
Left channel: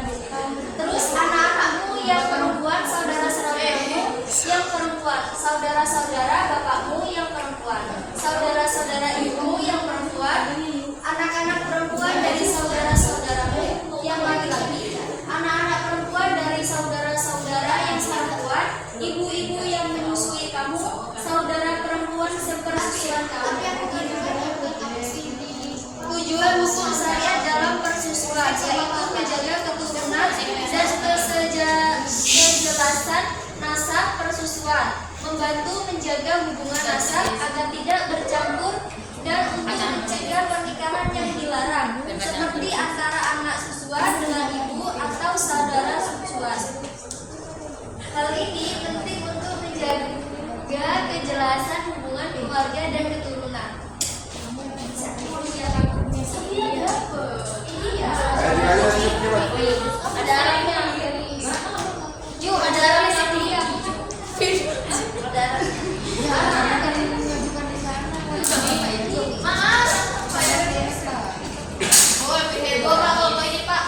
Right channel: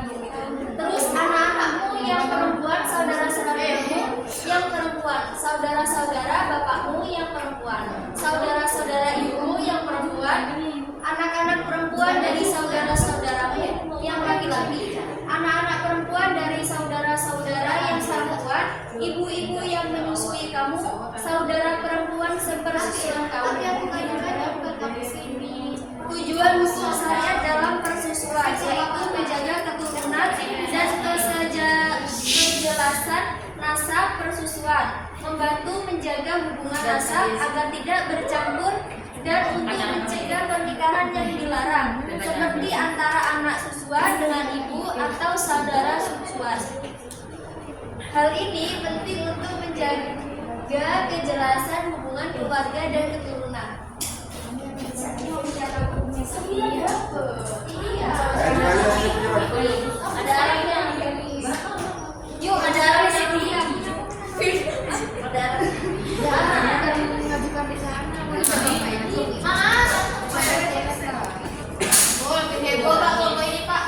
Terus anak-anakmu yang perempuan, saudara-saudaramu yang perempuan, saudara-saudara bapakmu yang perempuan, saudara-saudara ibumu yang perempuan, anak-anak perempuan dari saudara-saudaramu yang laki-laki, anak-anak perempuan dari saudara-saudara yang perempuan, ibu-ibu yang menyusui kamu, saudara perempuan sepersusuan kamu. Tujuan hukum syariat dalam persusuan yaitu menjaga keturunan dan kejelasan nasab persusuan, membantu menjaga hubungan nasab agar tidak bercampur dan untuk mencegah pernikahan yang dilarang, seperti antara anak susuan dengan ibu atau saudara susuan. Hal ini penting untuk menjaga kejelasan hubungan keluarga dan keturunan. Iya. Ada arahnya. Yuk, ada arahnya. Maaf. Bapak ini Pak.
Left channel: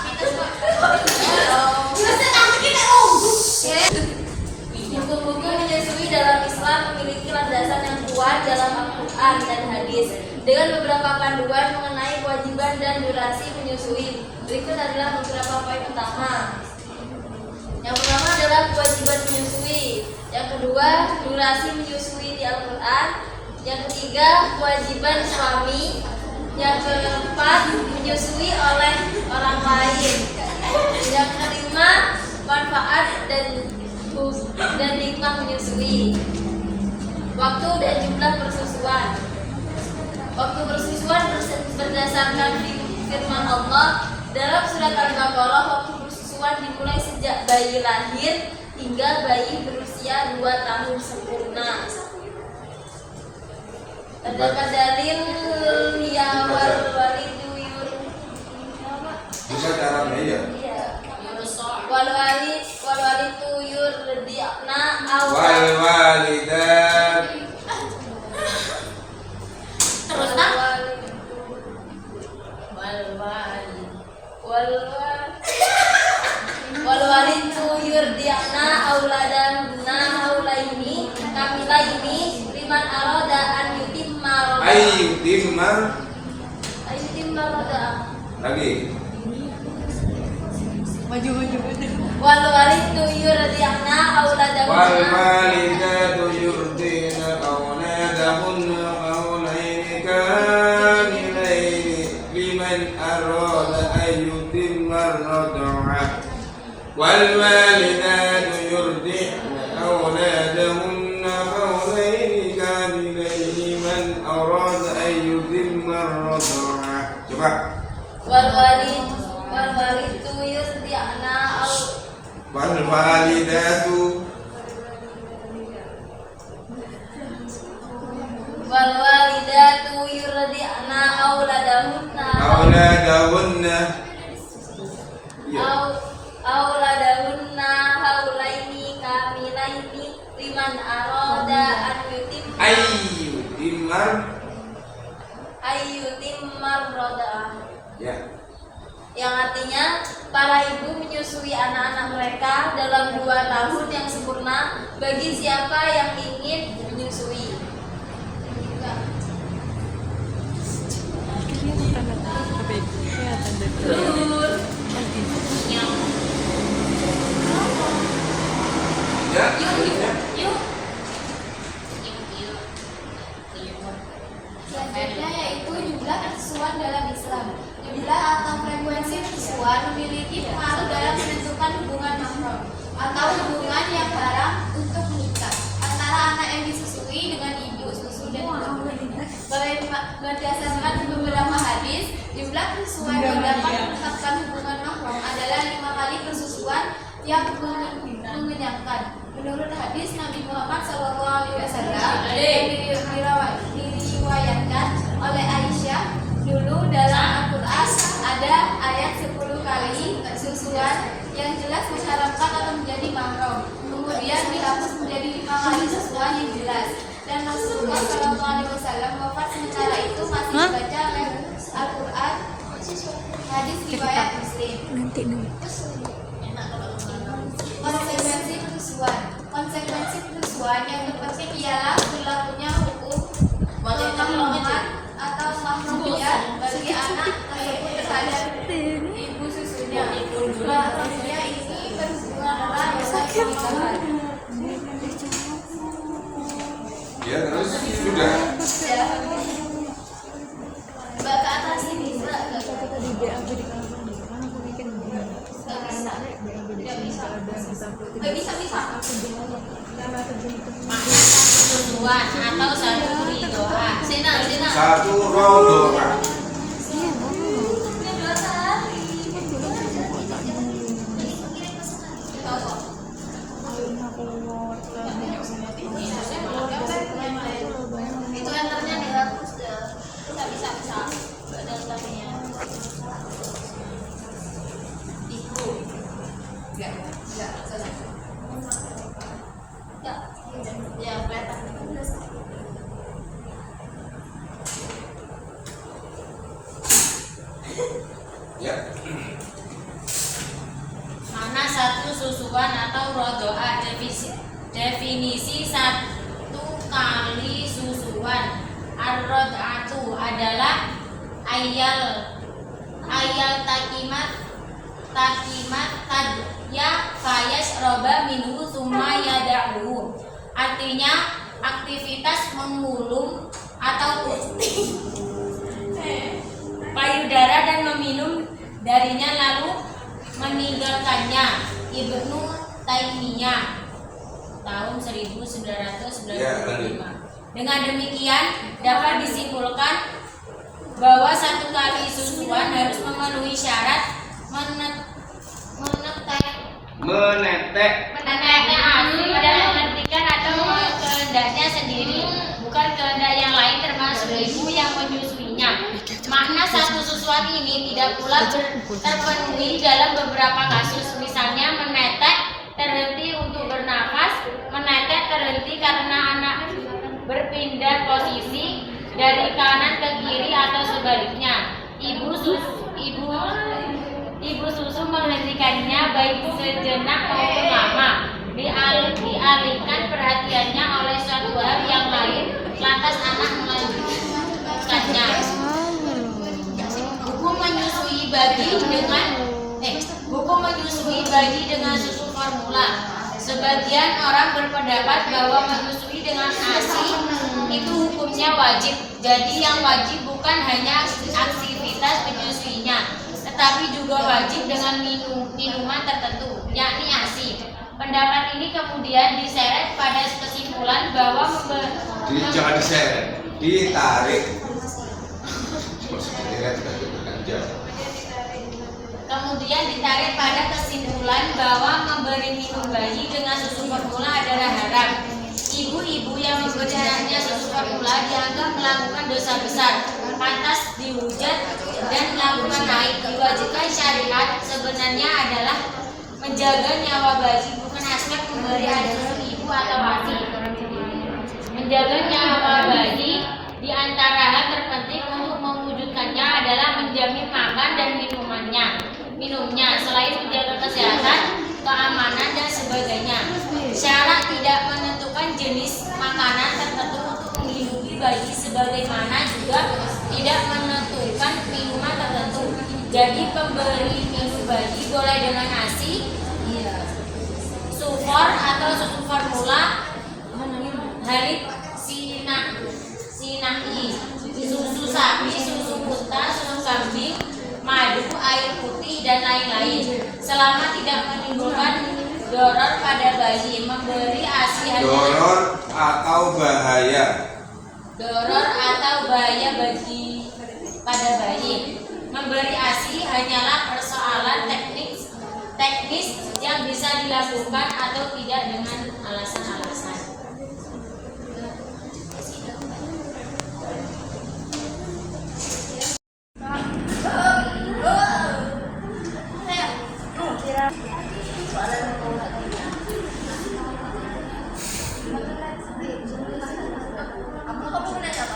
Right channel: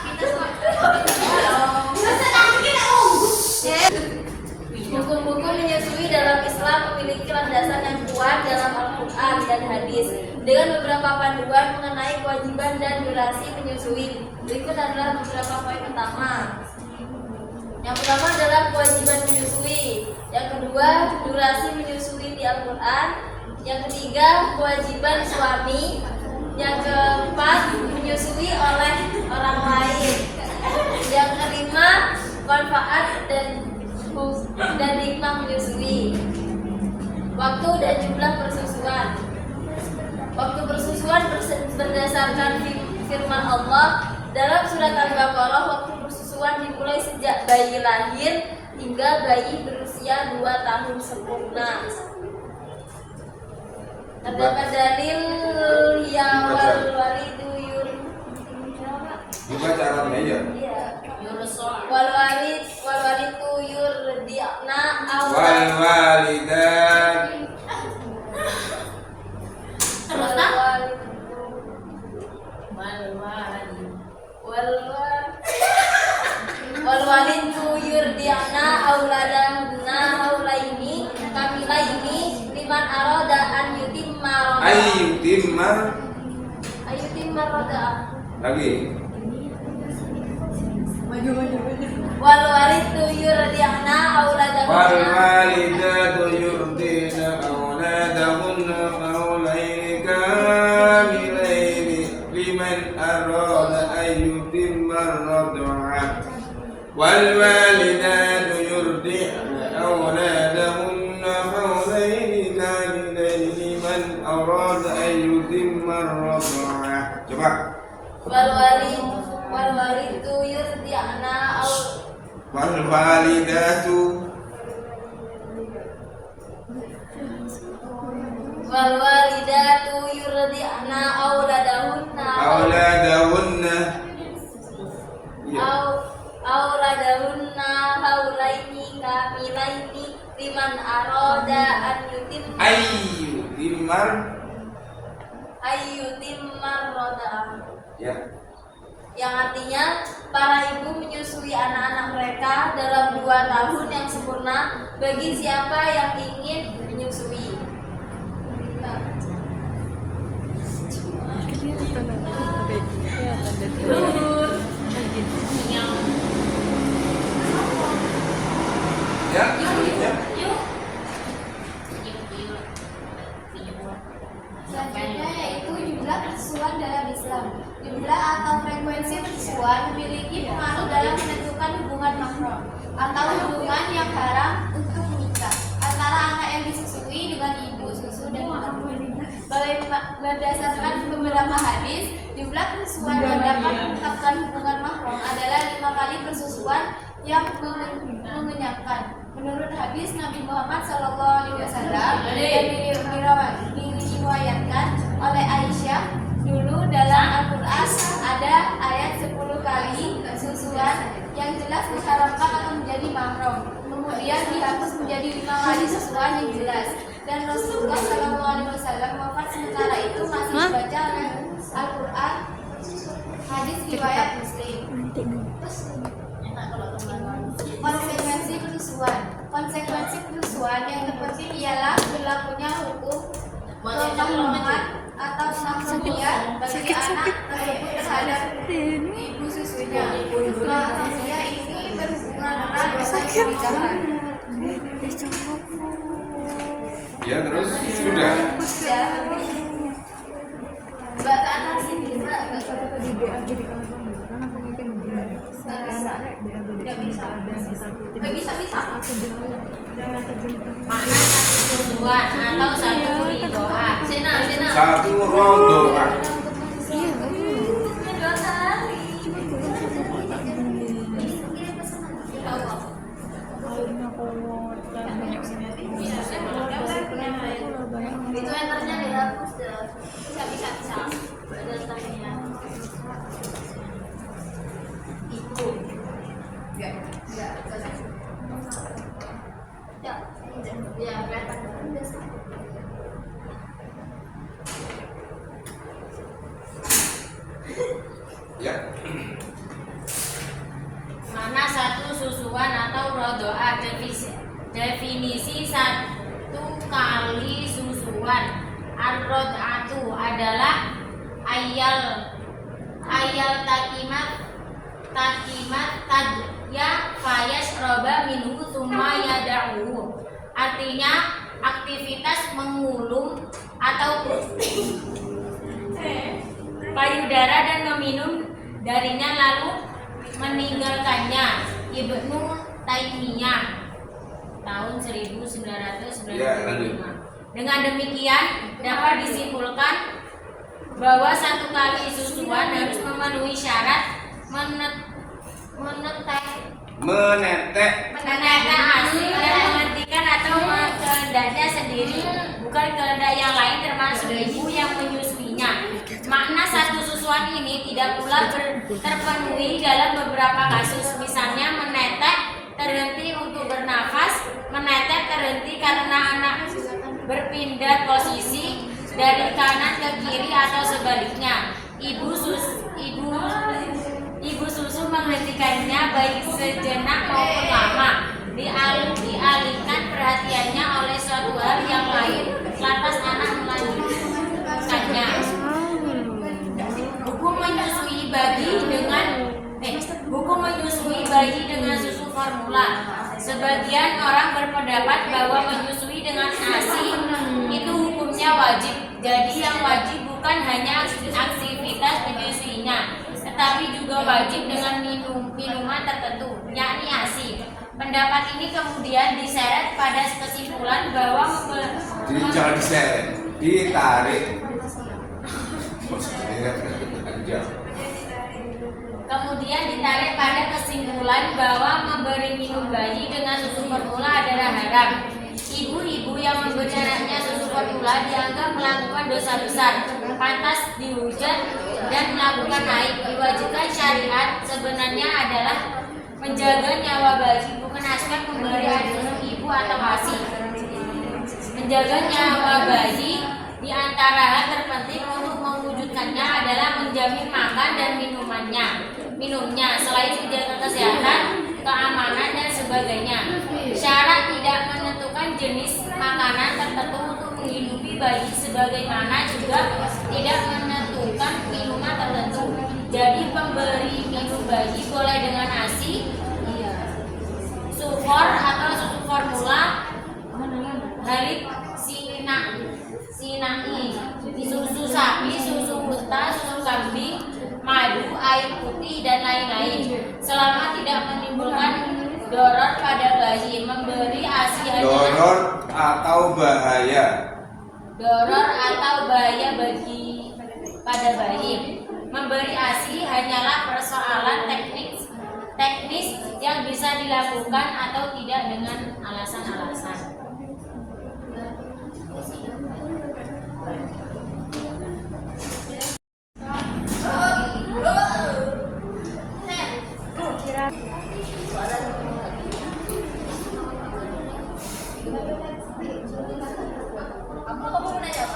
Hukum-hukum menyusui dalam Islam memiliki landasan yang kuat dalam Al-Quran dan hadis dengan beberapa panduan mengenai kewajiban dan durasi menyusui. Berikut adalah beberapa poin utama. Yang pertama adalah kewajiban menyusui. Yang kedua, durasi menyusui di Al-Quran. Yang ketiga, kewajiban suami. Yang berdasarkan firman Allah dalam surat Al-Baqarah, waktu persusuan dimulai sejak bayi lahir hingga bayi berusia 2 tahun sempurna. Terdapat dalil ya wal walidu Bisa cara meja. wal walidu yurdi'na aw Wal walidat. terus nah wal walidu yurdi'na auladahunna haulaini kamilaini liman arada an yutimma Ayu timar roda lagi. wal walidu yurdi'na auladahunna Wal walidatu yurdina auladahunna hawlaini kamilaini liman arada an yutimma ar-rad'ah. Wal walidatu yurdina auladahunna hawlaini kamilaini liman arada an yutimma ar-rad'ah. Coba. wal walidu yurdi'na Wal walidatu wal walidatu yurdi'na auladahunna auladahunna auladahunna haulaini kamilaini liman arada an yutimma ayyutimmar roda, ya. yang artinya para ibu menyusui anak-anak mereka dalam 2 tahun yang sempurna bagi siapa yang ingin menyusui. Selanjutnya yaitu jumlah persusuan dalam Islam. Jumlah atau frekuensi persusuan memiliki pengaruh dalam menentukan hubungan mahram atau hubungan yang haram untuk menikah antara anak yang disusui dengan ibu susu dan babu. Berdasarkan beberapa hadis, jumlah persusuan yang dapat menetapkan hubungan mahram adalah 5 kali persusuan yang mengenyangkan. Menurut hadis Nabi Muhammad SAW yang diriwayatkan oleh Aisyah, dulu dalam Al-Quran ada ayat 10 kali susuan yang jelas mengharamkan atau menjadi mahram. Kemudian dihapus menjadi 5 kali susuan yang jelas. Dan Rasulullah SAW wafat sementara itu masih dibaca oleh Al-Quran. Hadis riwayat Muslim. Konsekuensi persusuan yang terpenting ialah berlakunya hukum pemahraman atau mahramiyah bagi anak tersebut terhadap ibu susunya. Mahramiyah ini berhubungan erat dengan pernikahan. Ya, terus sudah. Mbak ke atas ini bisa nggak bisa makna persetujuan atau satu doa sina Satu rodoa. itu enternya dihapus dah. Bisa datangnya ibu ya kelihatan. Ya. Mana satu susuan atau rodoa? Definisi 1 kali susuan. Ar-rod'atu adalah ayal takimat ya fayash roba minhu summa yada'uhu. Artinya aktivitas mengulum atau payudara dan meminum darinya lalu meninggalkannya. Ibnu Taimiyah tahun 1995. Dengan demikian dapat disimpulkan bahwa 1 kali persusuan harus memenuhi syarat menetek asli dan menghentikan atau kehendaknya sendiri, bukan kehendak yang lain termasuk ibu yang menyusuinya. Makna satu susuan ini tidak pula terpenuhi dalam beberapa kasus, misalnya menetek terhenti untuk bernafas, menetek terhenti karena anak berpindah posisi dari kanan ke kiri atau sebaliknya. Ibu susu menghentikannya baik sejenak maupun lama, dialihkan perhatiannya oleh suatu hal yang lain, lantas anak melanjutkannya. Hukum menyusui bayi dengan susu formula. Sebagian orang berpendapat bahwa menyusui dengan ASI itu hukumnya wajib. Jadi yang wajib bukan hanya aktivitas menyusuinya, tetapi juga wajib dengan minuman tertentu, yakni ASI. Pendapat ini kemudian diseret pada kesimpulan bahwa Jangan diseret, ditarik. Kemudian ditarik pada kesimpulan bahwa memberi minum bayi dengan susu formula adalah haram. Ibu-ibu yang memberi anaknya susu formula dianggap melakukan dosa besar, pantas dihujat dan melakukan aib. Diwajibkan syariat sebenarnya adalah menjaga nyawa bayi, bukan aspek memberi asuh ibu atau ASI. Menjaga nyawa bayi di antara hal terpenting untuk mewujudkannya adalah menjamin makan dan minumnya, selain menjaga kesehatan, keamanan dan sebagainya. Syarat tidak menentukan jenis makanan tertentu untuk menghidupi bayi, sebagaimana juga tidak menentukan minuman tertentu. Jadi pemberi minum bayi boleh dengan ASI, sufor atau susu formula, halit sinai, susu sapi, susu unta, susu kambing, madu, air putih dan lain-lain, selama tidak menimbulkan doror pada bayi. Memberi ASI Doror atau bahaya. pada bayi. Memberi ASI hanyalah persoalan teknis yang bisa dilakukan atau tidak dengan alasan-alasan.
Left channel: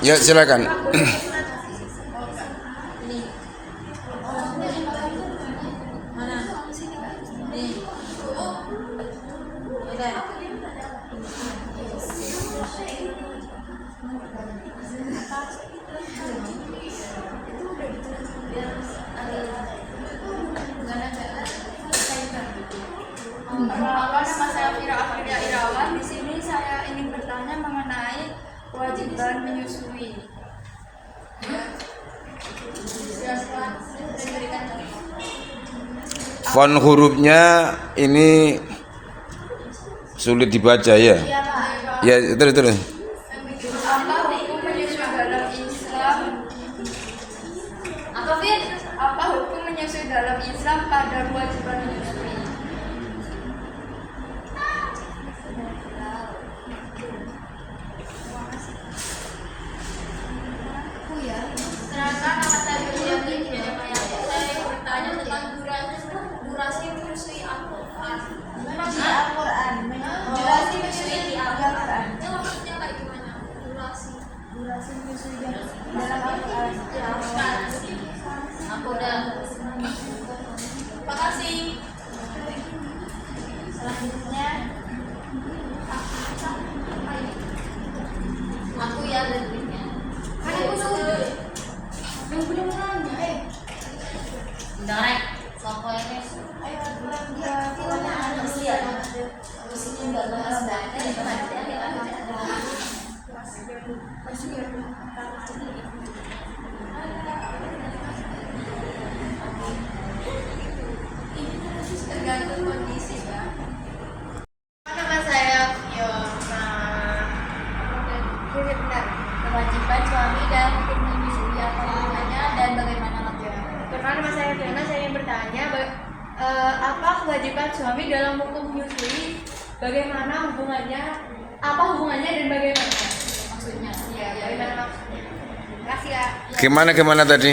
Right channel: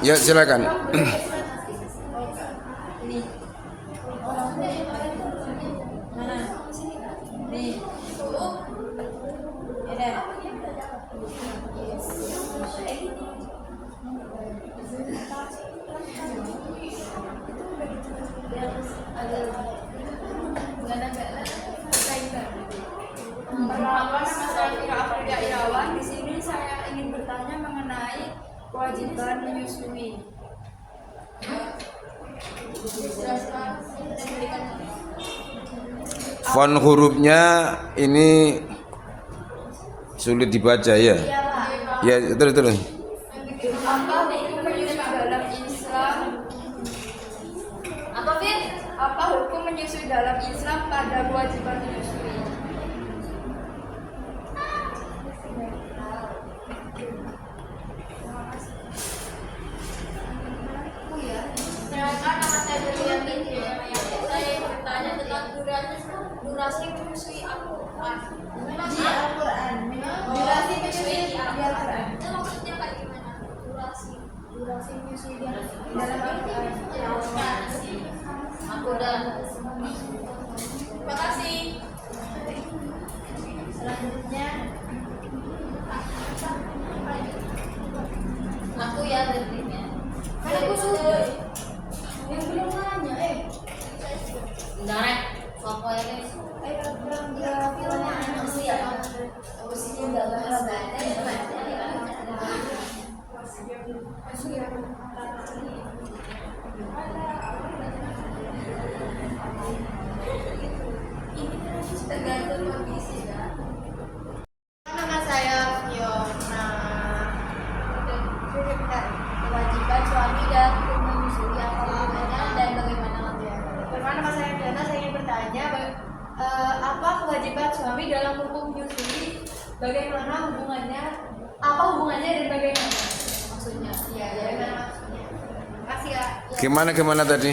Ya silakan. Masalah Irawan, di sini saya ingin bertanya mengenai kewajiban menyusui. Font hurufnya ini sulit dibaca ya. Ya terus. Apa hukum menyusui dalam Islam? Apa hukum menyusui dalam Islam pada kewajiban menyusui? Terangkan apa saya yakin saya bertanya tentang durasi menyusui Al-Quran. Di Al-Quran. Durasi menyusui di Al-Quran. Itu maksudnya kayak gimana? Durasi menyusui di dalam Al-Quran. Aku udah. Terima kasih. bertanya apa kewajiban suami dalam hukum menyusui, bagaimana hubungannya, apa hubungannya dan bagaimana maksudnya? Ya, bagaimana maksudnya? Kasih ya. Gimana tadi?